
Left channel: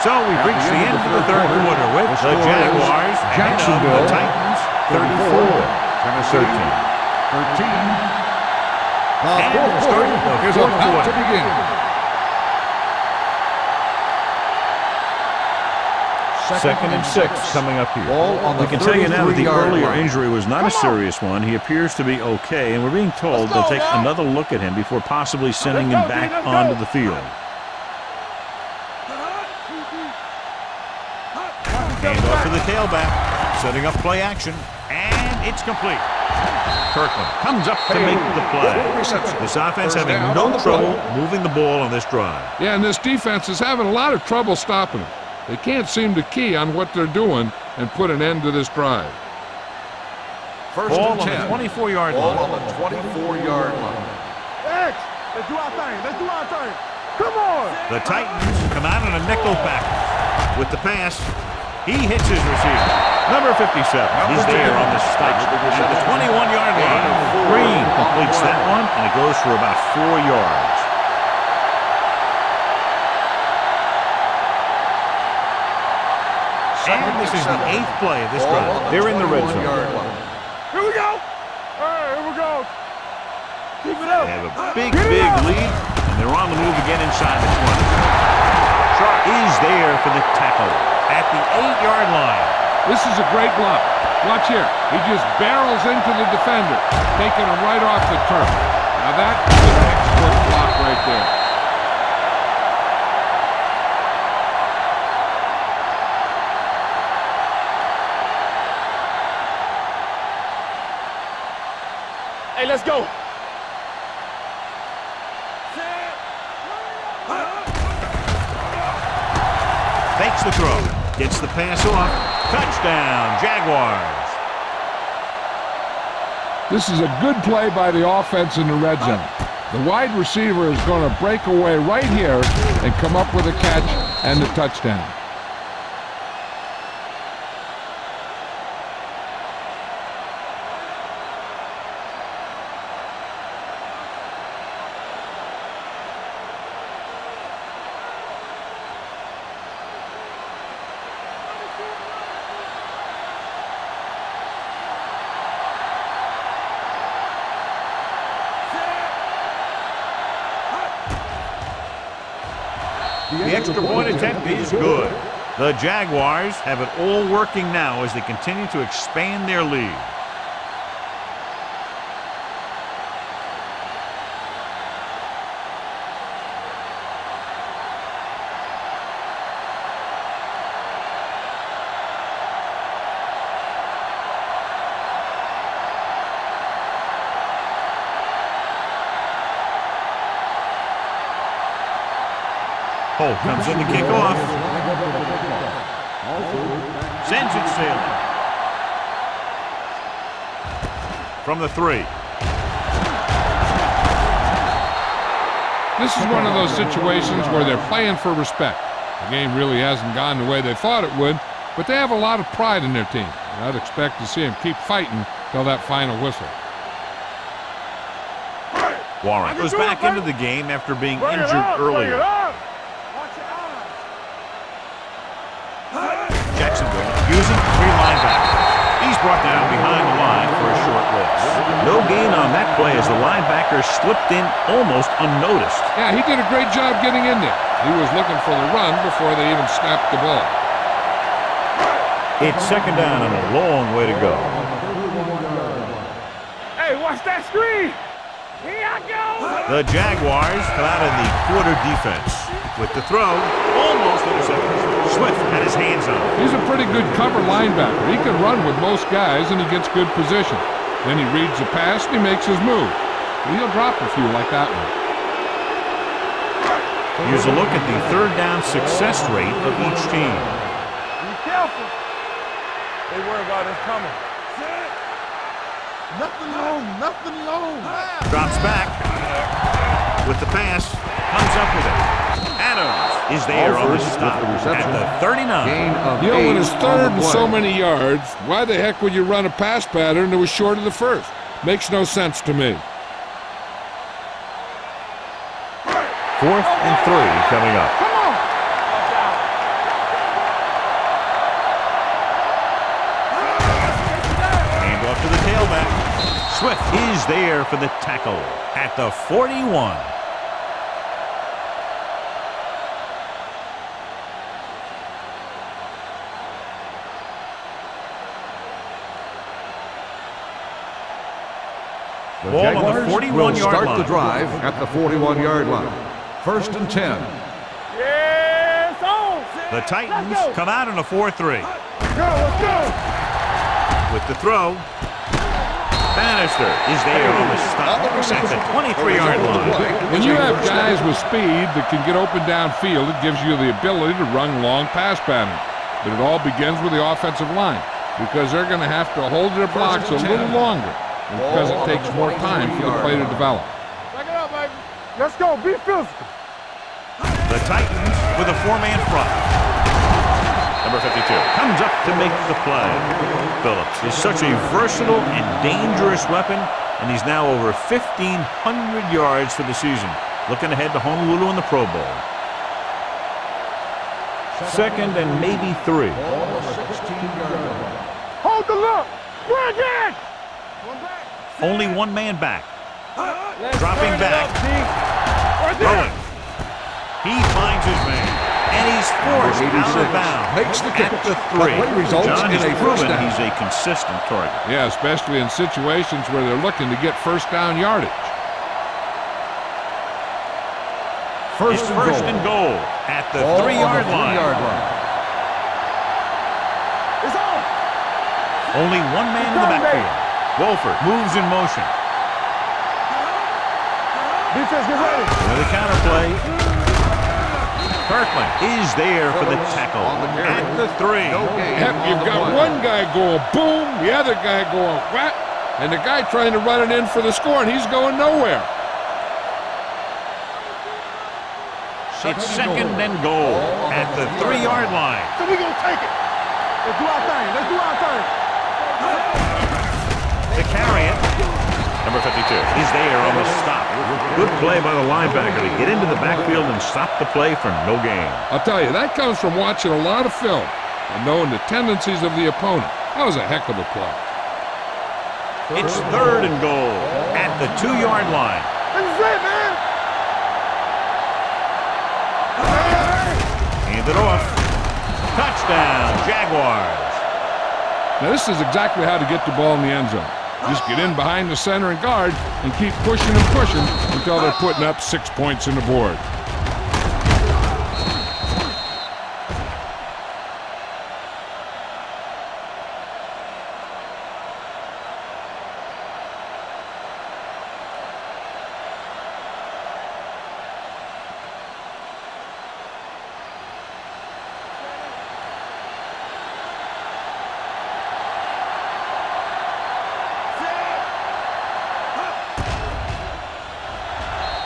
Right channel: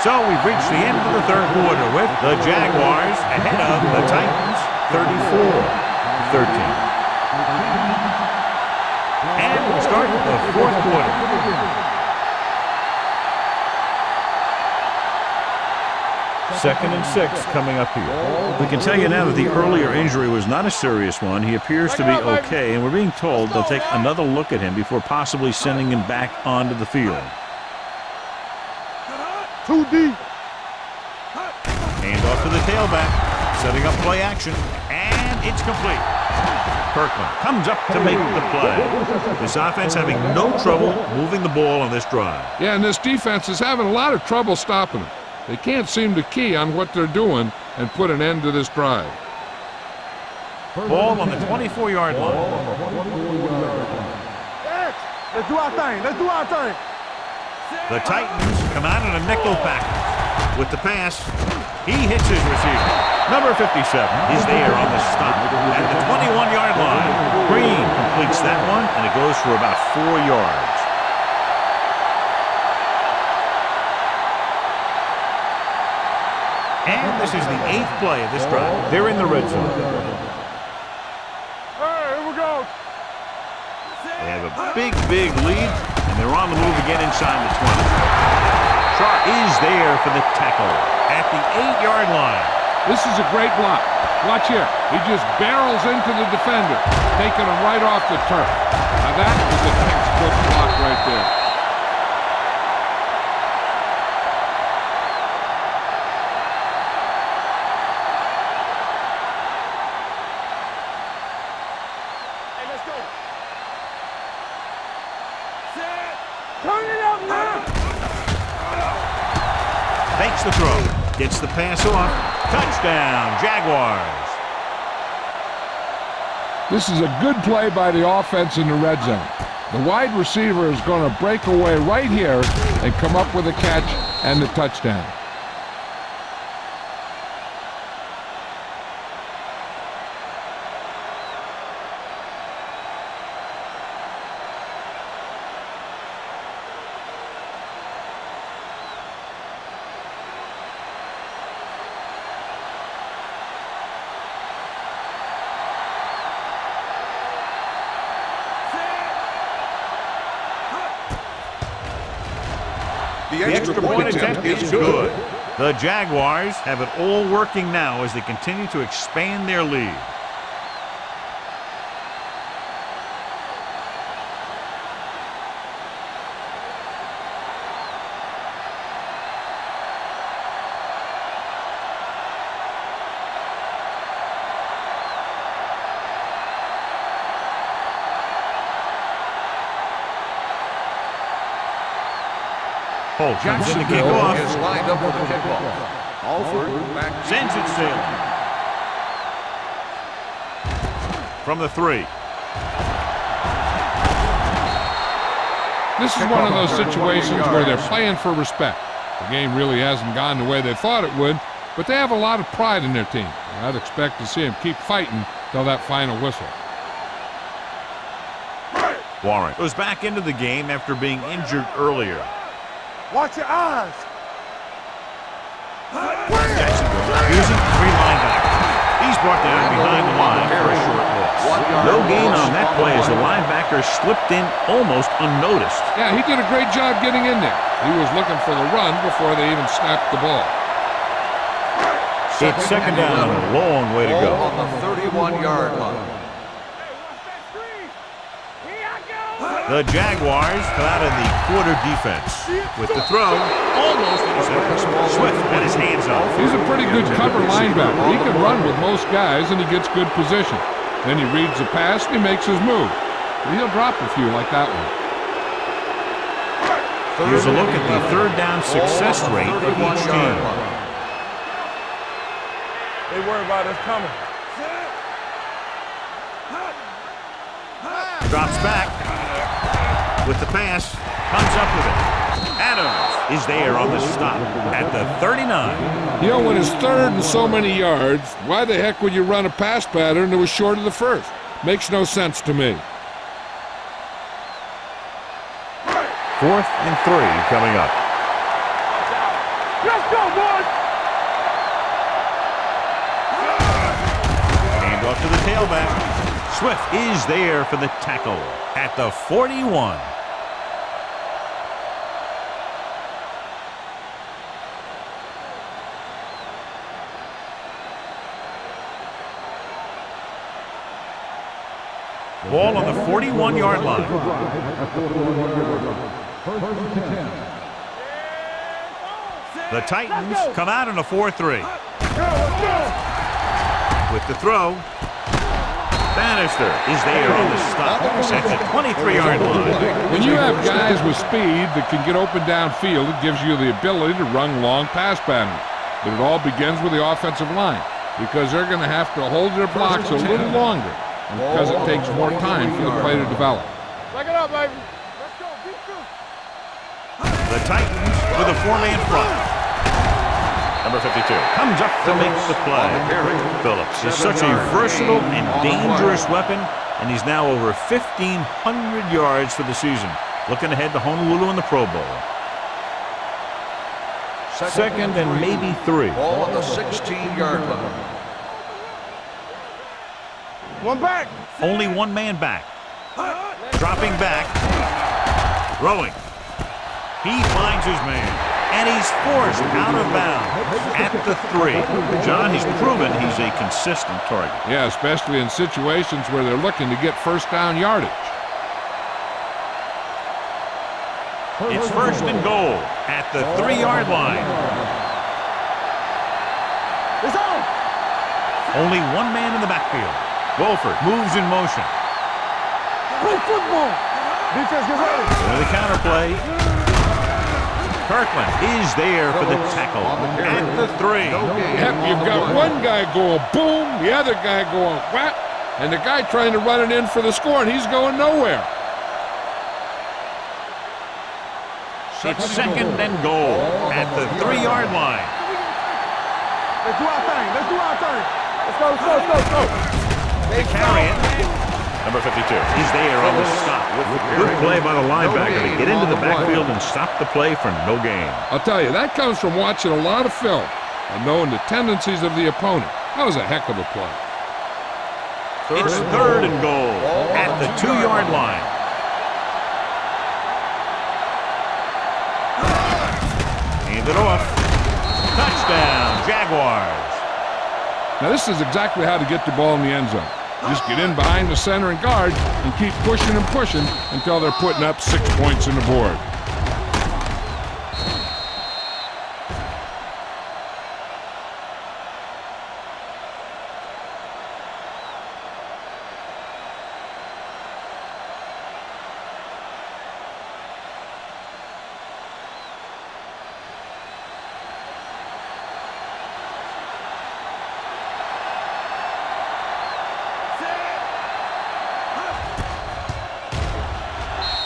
So we've reached the end of the third quarter with the Jaguars ahead of the Titans 34-13. And we'll start the fourth quarter. 2nd and 6 coming up here. Ball on the We can tell you now that the 33-yard earlier line. injury was not a serious one. He appears to be okay, and we're being told they'll take another look at him before possibly sending him back onto the field. Too deep. Hand off to the tailback, setting up play action, and it's complete. Kirkland comes up to make the play. This offense having no trouble moving the ball on this drive. Yeah, and this defense is having a lot of trouble stopping them. They can't seem to key on what they're doing and put an end to this drive. Ball on the 24-yard line. Ball on the 24-yard line. X, let's do our thing. Let's do our thing. Come on. The Titans come out in a nickel package. With the pass, he hits his receiver. Number 57 is there on the stop at the 21-yard line. Green completes that one, and it goes for about 4 yards. And this is the 8th play of this drive. They're in the red zone. Here we go. Hey, here we go. They have a big lead, and they're on the move again inside the 20. Sharp is there for the tackle at the 8-yard line. This is a great block. Watch here. He just barrels into the defender, taking him right off the turf. Now that is a textbook block right there. Hey, let's go. Fakes the throw. Gets the pass off. Touchdown, Jaguars. This is a good play by the offense in the red zone. The wide receiver is going to break away right here and come up with a catch and the touchdown. The extra point attempt is good. The Jaguars have it all working now as they continue to expand their lead. Holt comes in to kick off. Sends it sailing. From the 3. This is one of those situations where they're playing for respect. The game really hasn't gone the way they thought it would, but they have a lot of pride in their team. And I'd expect to see them keep fighting till that final whistle. Warren goes back into the game after being injured earlier. Watch your eyes. Jacksonville using 3 linebackers. He's brought down behind the line for a short loss. No gain on that play as the linebacker slipped in almost unnoticed. Yeah, he did a great job getting in there. He was looking for the run before they even snapped the ball. It's 2nd down and a long way to go. On the 31-yard line. Hey, watch that screen. Here I go. The Jaguars come out in the quarter defense. With the throw, almost intercepted. Swift had his hands on it. He's a pretty good cover linebacker. He can run with most guys, and he gets good position. Then he reads the pass, and he makes his move. But he'll drop a few like that one. Here's a look at the 3rd down success rate of each team. They worry about us coming. Nothing long. Drops back with the pass, comes up with it. Adams is there on the stop at the 39. You know, when it's 3rd and so many yards, why the heck would you run a pass pattern that was short of the 1st? Makes no sense to me. 4th and 3 coming up. Watch out. Let's go, boys. Hand off to the tailback. Swift is there for the tackle at the 41. Ball on the Jaguars 41-yard will start line. the drive at the 41-yard line. 1st and 10. Yes, on. The Titans Let's go. come out in a 4-3. Let's go. With the throw, Bannister is there on the stop at the 23-yard line. When you have guys with speed that can get open downfield, it gives you the ability to run long pass patterns. But it all begins with the offensive line because they're going to have to hold their blocks a little longer and because it takes more time for the play to develop. Back it up, baby. Let's go. Be physical. The Titans with a 4-man front. Number 52 comes up to make the play. Phillips is such a versatile and dangerous weapon, and he's now over 1,500 yards for the season. Looking ahead to Honolulu in the Pro Bowl. 2nd and maybe 3. Ball on the 16-yard line. Hold the look. Bring it. One back. Only one man back. Dropping back. Throwing. He finds his man. And he's forced out of bounds at the 3. John has proven he's a consistent target. Yeah, especially in situations where they're looking to get first down yardage. It's 1st and goal at the 3-yard line. It's on. Only one man in the backfield. Wolford moves in motion. Play football. Defense, get ready. With the counterplay. Kirkland is there for the tackle at the 3. Yep, you've got one guy going boom, the other guy going whap, and the guy trying to run it in for the score, and he's going nowhere. It's 2nd and goal at the 3-yard line. So we gonna take it. Let's do our thing. Let's do our thing. To carry it. Number 52 is there on the stop. Good play by the linebacker to get into the backfield and stop the play for no gain. I'll tell you, that comes from watching a lot of film and knowing the tendencies of the opponent. That was a heck of a play. It's 3rd and goal at the 2-yard line. Hand it off. Touchdown, Jaguars. Now, this is exactly how to get the ball in the end zone. Just get in behind the center and guard and keep pushing and pushing until they're putting up 6 points on the board.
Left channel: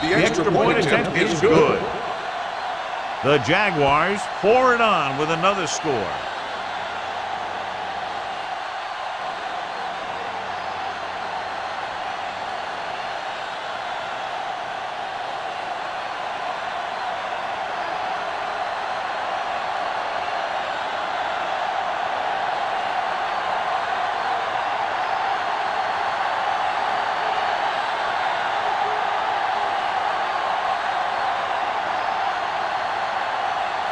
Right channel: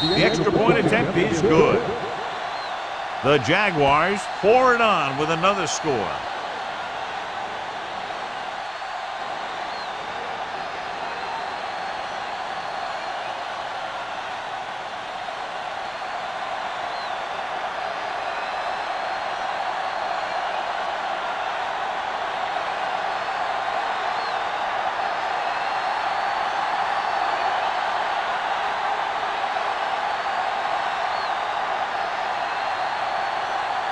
The extra point attempt is good. The Jaguars pour it on with another score.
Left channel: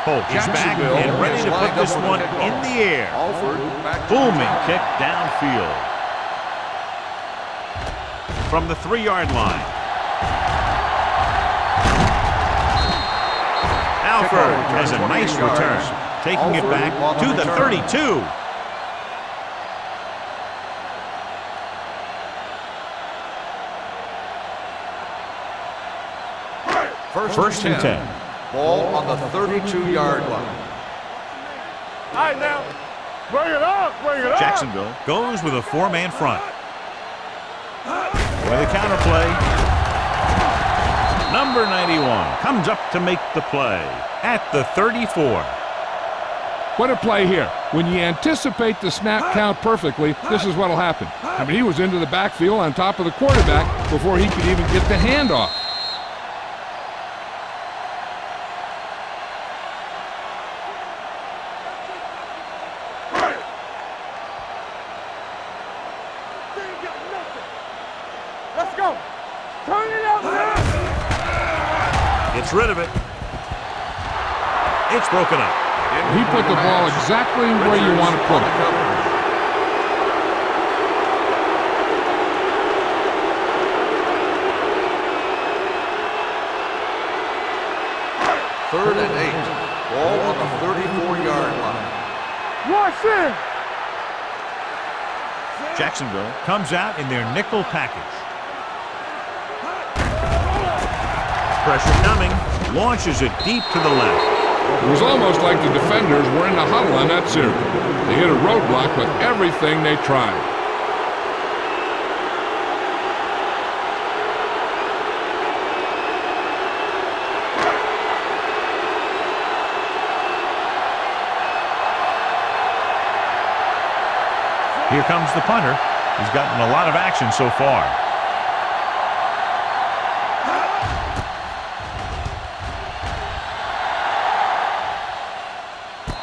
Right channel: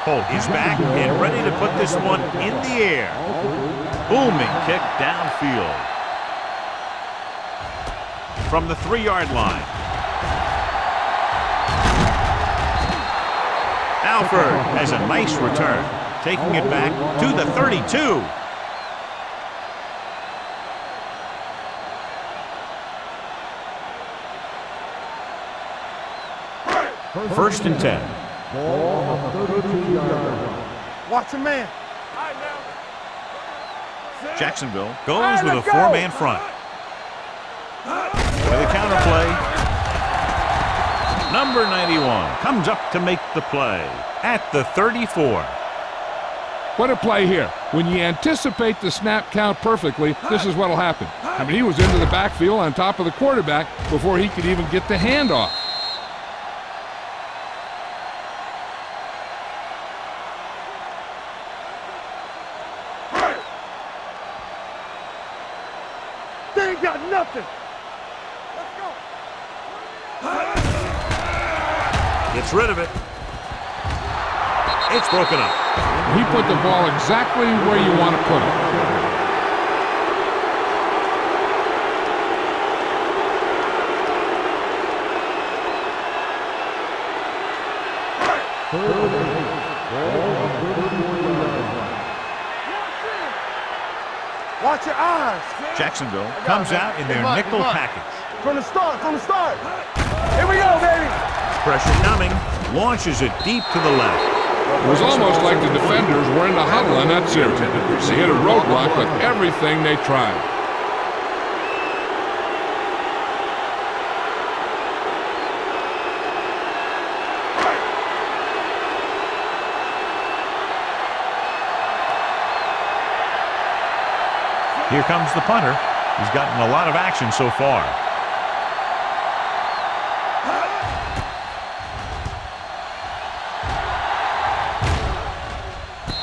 Holt is back and ready to put this one in the air. Booming kick downfield. From the 3-yard line. Alford has a nice return, taking it back to the 32. First and 10. Ball on the 32-yard line. Watch your man. All right, now. Bring it up. Bring it up. Jacksonville goes with a 4-man front. With a counterplay. Number 91 comes up to make the play at the 34. What a play here. When you anticipate the snap count perfectly, this is what will happen. I mean, he was into the backfield on top of the quarterback before he could even get the handoff. They ain't got nothing. Let's go. Turn it up. Gets rid of it. It's broken up. He put the ball exactly where you want to put it. 3rd and 8. Ball on the 34-yard line. Watch in. Watch your eyes. Jacksonville comes out in their nickel package. From the start, from the start. Here we go, baby. Pressure coming. Launches it deep to the left. It was almost like the defenders were in the huddle on that series. They hit a roadblock with everything they tried. Here comes the punter. He's gotten a lot of action so far.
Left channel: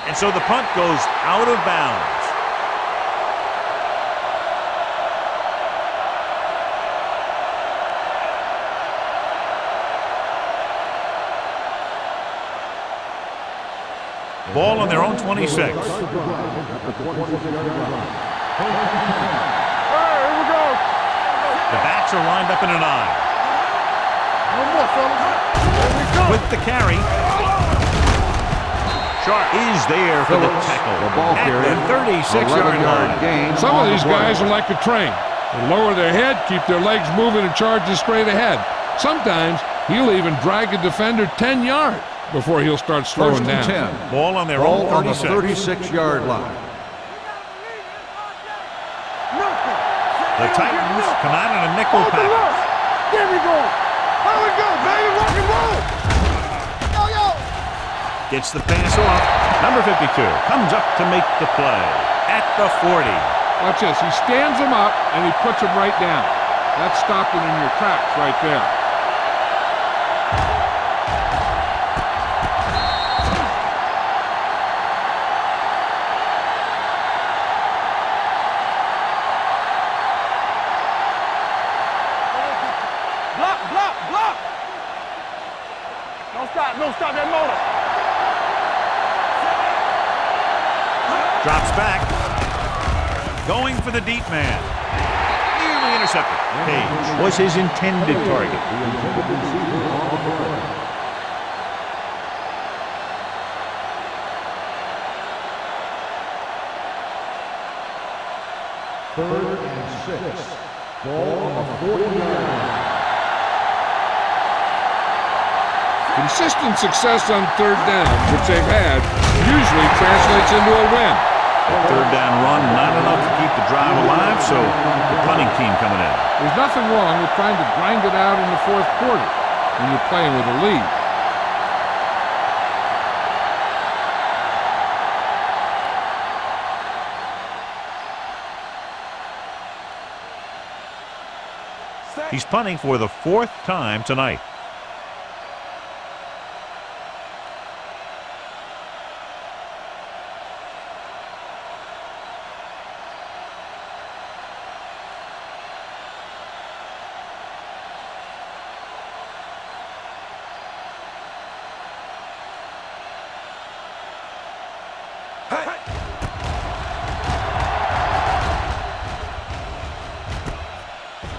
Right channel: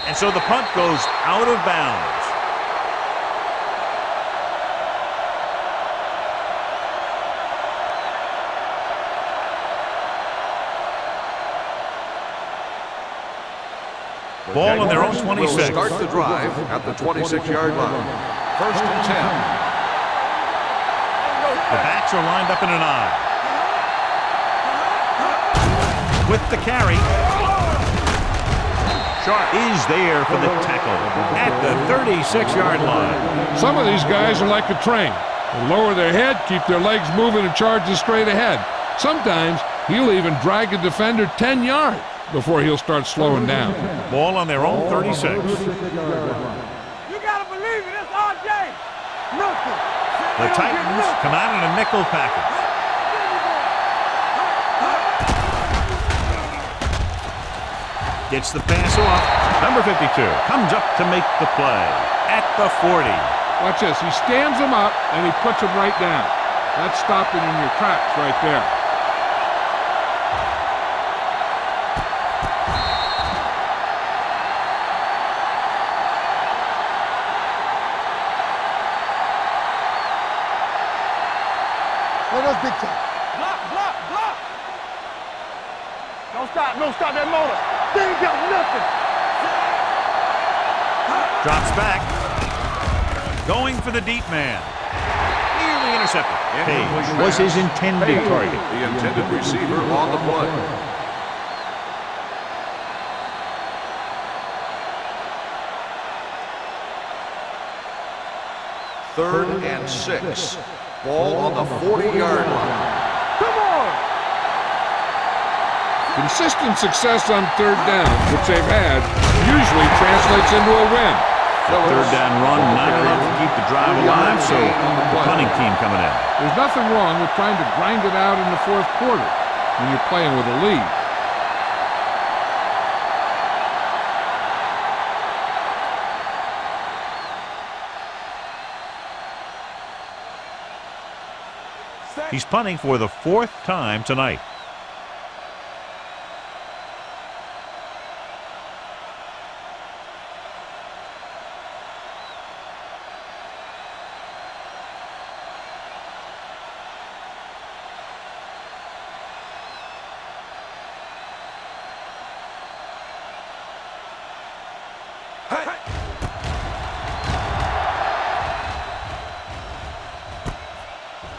And so the punt goes out of bounds. Ball on their own 26. Will start the drive at the 26-yard line. 1st and 10. The backs are lined up in an I. With the carry. Sharp is there for the tackle at the 36-yard line. Some of these guys are like a train. They lower their head, keep their legs moving, and charging straight ahead. Sometimes he'll even drag a defender 10 yards before he'll start slowing down. Ball on their own 36. 36-yard line. You gotta believe it. That's RJ. Nothing. The Titans come out in a nickel package. There we go. There we go, baby. Rock and roll. Gets the pass off. Number 52 comes up to make the play at the 40. Watch this. He stands him up, and he puts him right down. That's stopping in your tracks right there. Block, block, block. Don't stop, don't stop that motor. They ain't got nothing. Drops back. Going for the deep man. Nearly intercepted. Page was his intended target. The intended receiver on the play. Third and 6. Ball on the 40-yard line. Consistent success on 3rd down, which they've had, usually translates into a win. The 3rd down run, not enough to keep the drive alive, so the punting team coming in. There's nothing wrong with trying to grind it out in the 4th quarter when you're playing with a lead. He's punting for the 4th time tonight.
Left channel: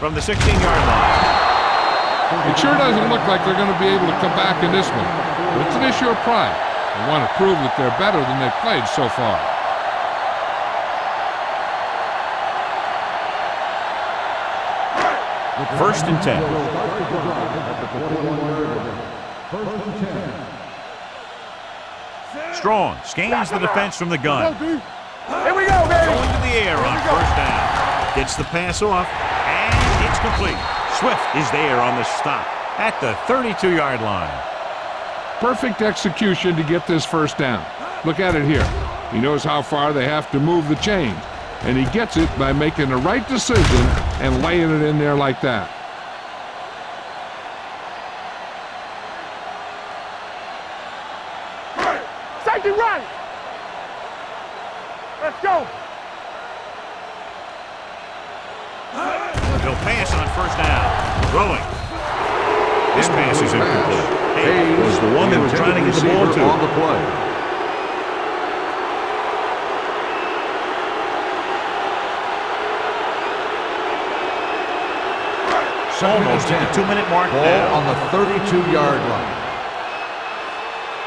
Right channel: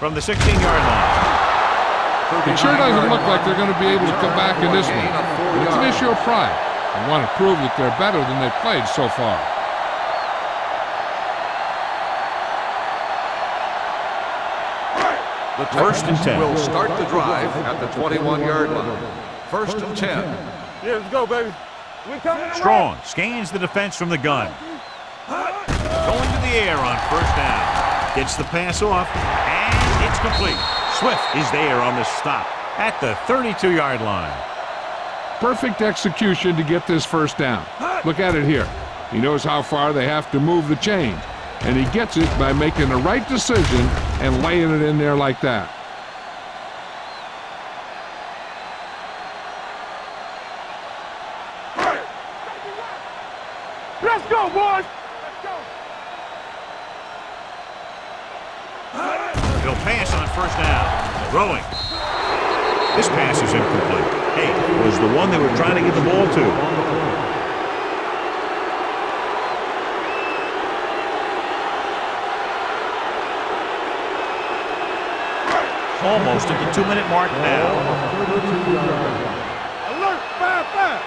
From the 16-yard line. It sure doesn't look like they're going to be able to come back in this one, but it's an issue of pride. They want to prove that they're better than they've played so far. The 1st and 10. Will start the drive at the 21-yard line. 1st and 10. Yeah, let's go, baby. Strong scans the defense from the gun. Here we go, baby. Going to the air on 1st down. Gets the pass off, and it's complete. Swift is there on the stop at the 32-yard line. Perfect execution to get this 1st down. Look at it here. He knows how far they have to move the chains, and he gets it by making the right decision and laying it in there like that. Safety right. Let's go, boys. Let's go. He'll pass on 1st down. Throwing. This pass is incomplete. Hey, was the one they were trying to get the ball to. Almost at the 2-minute mark now. On the 32-yard line. Alert, fire, fire.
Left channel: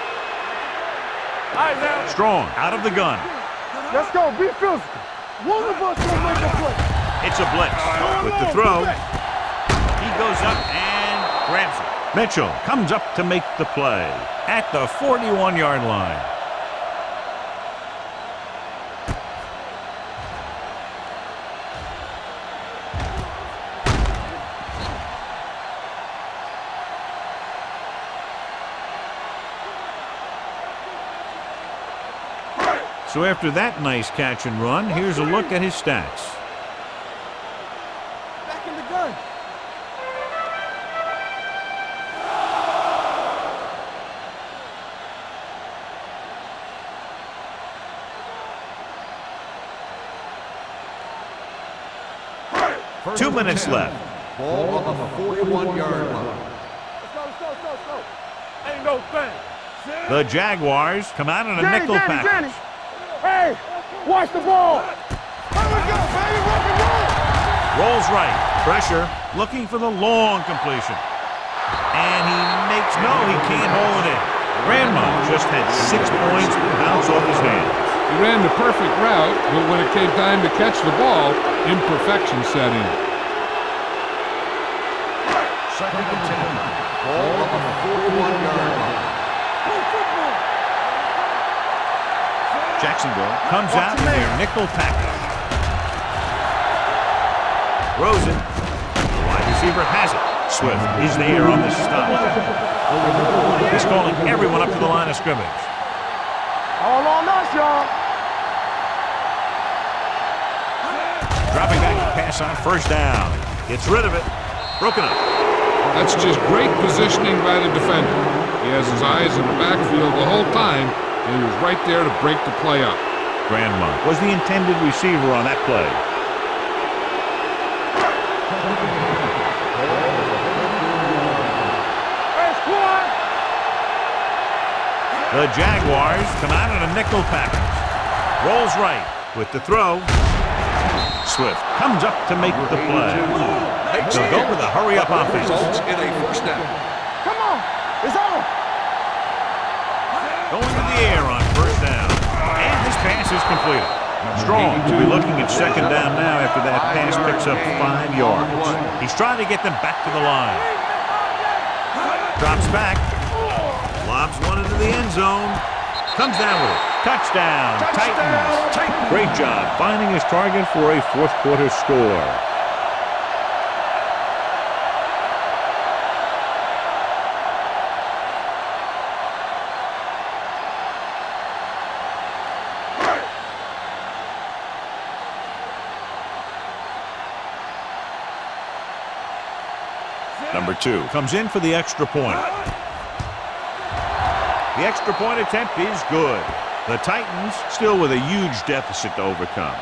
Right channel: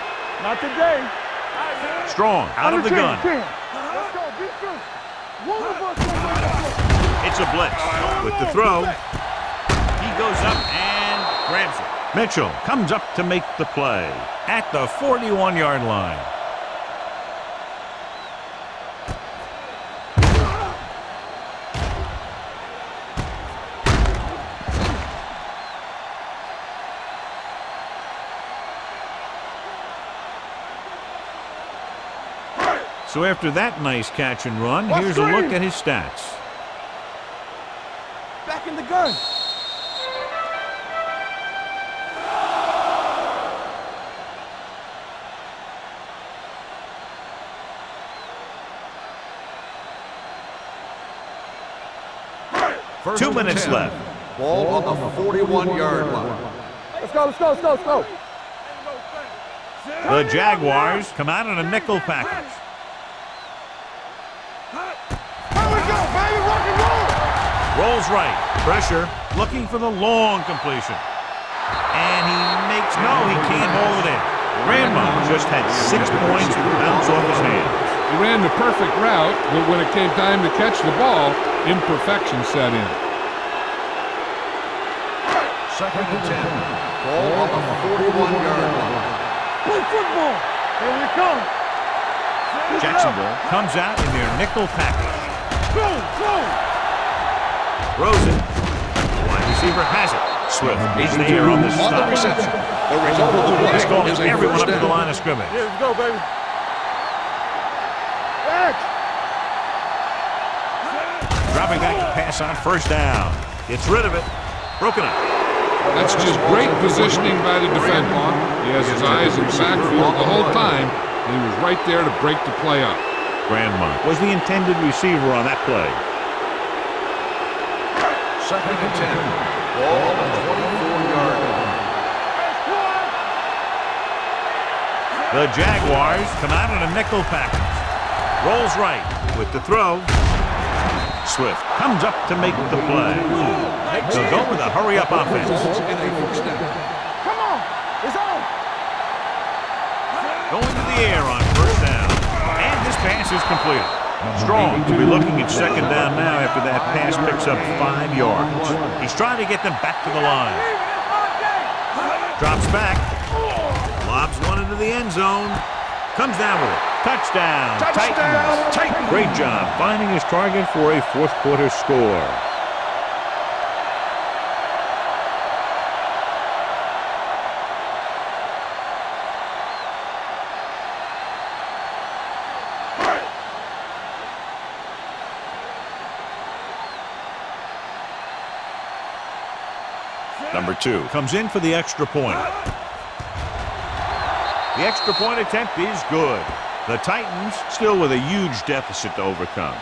Strong out of the gun. Let's go. Be physical. One of us gonna make a play. It's a blitz. With the throw, he goes up and grabs it. Mitchell comes up to make the play at the 41-yard line. So after that nice catch and run, here's a look at his stats. Back in the gun. First 2 and minutes 10. left. Ball on the 41-yard line. Let's go, let's go, let's go, let's go. Ain't no thing. The Jaguars come out in a nickel package. Hey, watch the ball. Here we go, baby, rock and roll. Rolls right. Pressure. Looking for the long completion. And he makes, no, he can't hold it in. Grandma just had 6 points bounce off his hands. He ran the perfect route, but when it came time to catch the ball, imperfection set in. Second and 10. Ball on the 41-yard line. Play football. Here we come. Jacksonville comes out in their nickel package. Throws it. The wide receiver has it. Swift is there on the stop. He's calling everyone up to the line of scrimmage. Here we go, baby. All on us, y'all. Dropping back to pass on first down. Gets rid of it. Broken up. That's just great positioning by the defender. He has his eyes in the backfield the whole time, and he was right there to break the play up. Grandma was the intended receiver on that play. Second and 10. Ball on the 24-yard line. Hey, squad. The Jaguars come out in a nickel package. Rolls right with the throw. Swift comes up to make the play. They'll go with a hurry-up offense. Results in a first down. Come on. It's on. Going to the air on first down. And this pass is completed. Strong will be looking at second down now after that pass picks up 5 yards. He's trying to get them back to the line. Drops back. Lobs one into the end zone. Comes down with it. Touchdown, Titans. Great job finding his target for a fourth quarter score. Number 2 comes in for the extra point. The extra point attempt is good. The Titans still with a huge deficit to overcome.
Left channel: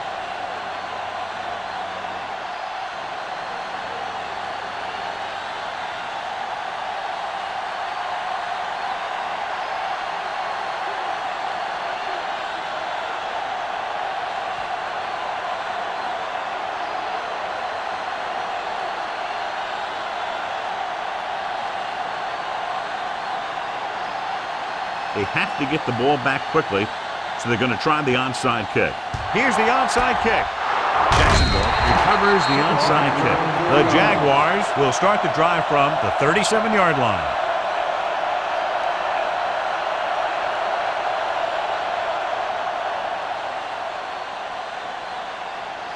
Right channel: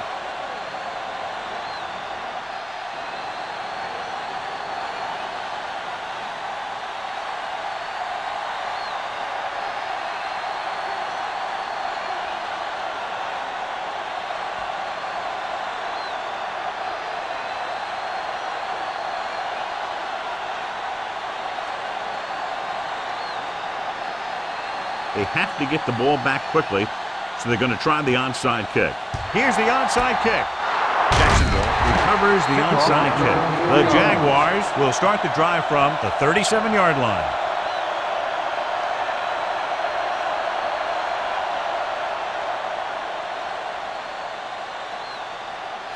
They have to get the ball back quickly, so they're going to try the onside kick. Here's the onside kick. Jacksonville recovers the onside kick. The Jaguars will start the drive from the 37-yard line.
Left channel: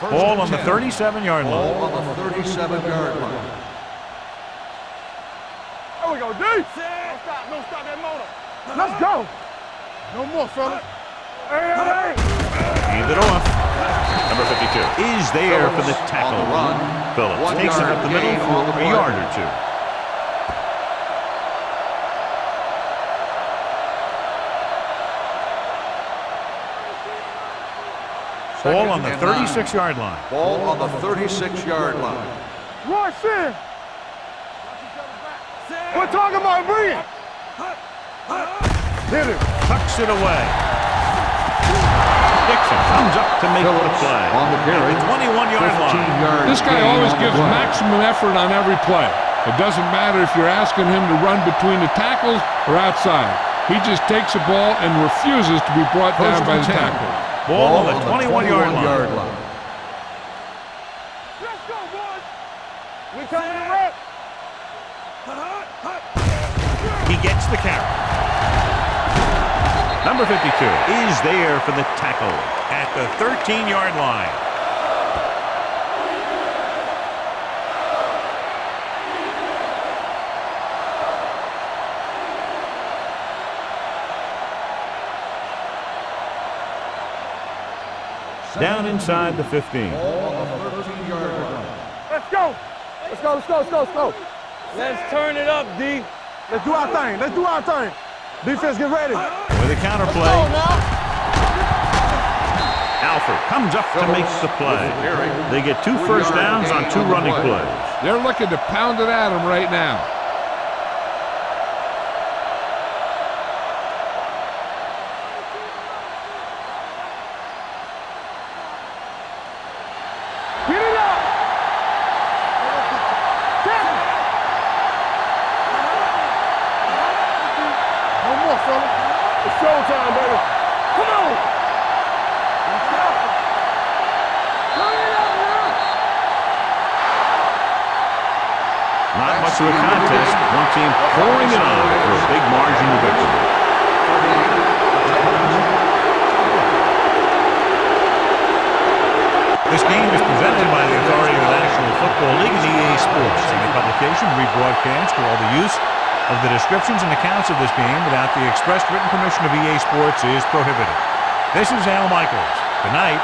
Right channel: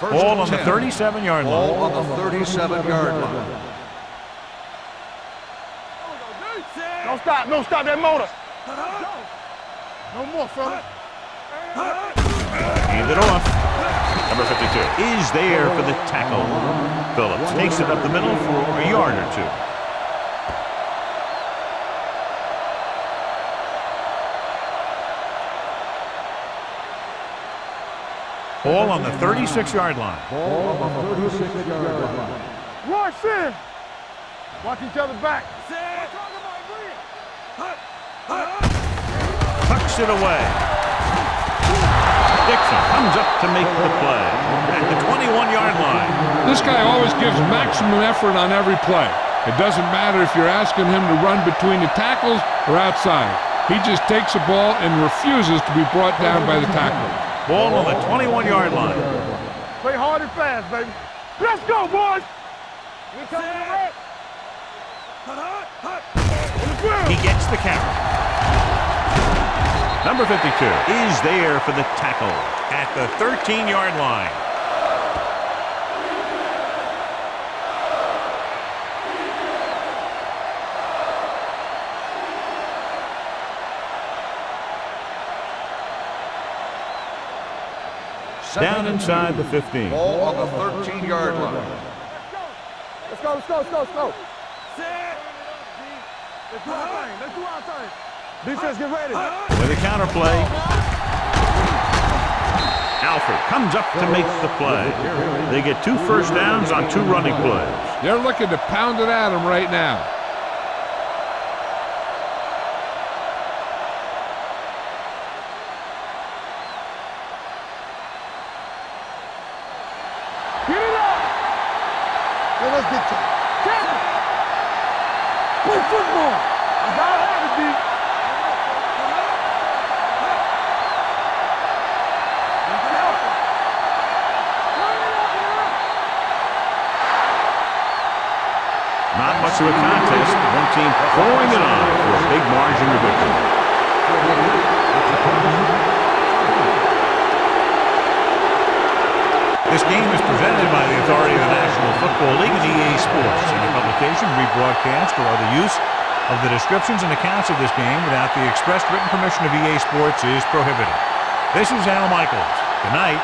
Ball on the 37-yard line. Ball on the 37-yard line. There we go, D. Don't stop. Don't stop that motor. Let's go. No more, fellas. Hand it off. Number 52 is there for the tackle. Phillips takes it up the middle for a yard or two. Ball on the 36-yard line. Ball on the 36-yard line. Rush in. Watch each other's back. We're talking about bringing. Tucks it away. Dixon comes up to make the play at the 21-yard line. This guy always gives maximum effort on every play. It doesn't matter if you're asking him to run between the tackles or outside. He just takes the ball and refuses to be brought down by the tackler. Ball on the 21-yard line. Play hard and fast, baby. Let's go, boys. We coming to wreck. He gets the carry. Number 52 is there for the tackle at the 13-yard line. Down inside the 15. Ball on the 13-yard line. Let's go. Let's go, let's go, let's go, let's go. Let's turn it up, D. Let's do our thing. Let's do our thing. Defense, get ready. With a counter play. Alford comes up to make the play. They get 2 first downs on 2 running plays. They're looking to pound it at him right now. Get it up. Let's get to tackle. Good football. You gotta have it, D. No more, fella. It's showtime, brother. Come on. Be careful. Turn it up now. Not much of a contest. One team pouring it on for a big margin of victory. 48, the Titans. This game is presented by the authority of the National Football League and EA Sports. Any publication, rebroadcast, or other use of the descriptions and accounts of this game without the expressed written permission of EA Sports is prohibited. This is Al Michaels. Good night.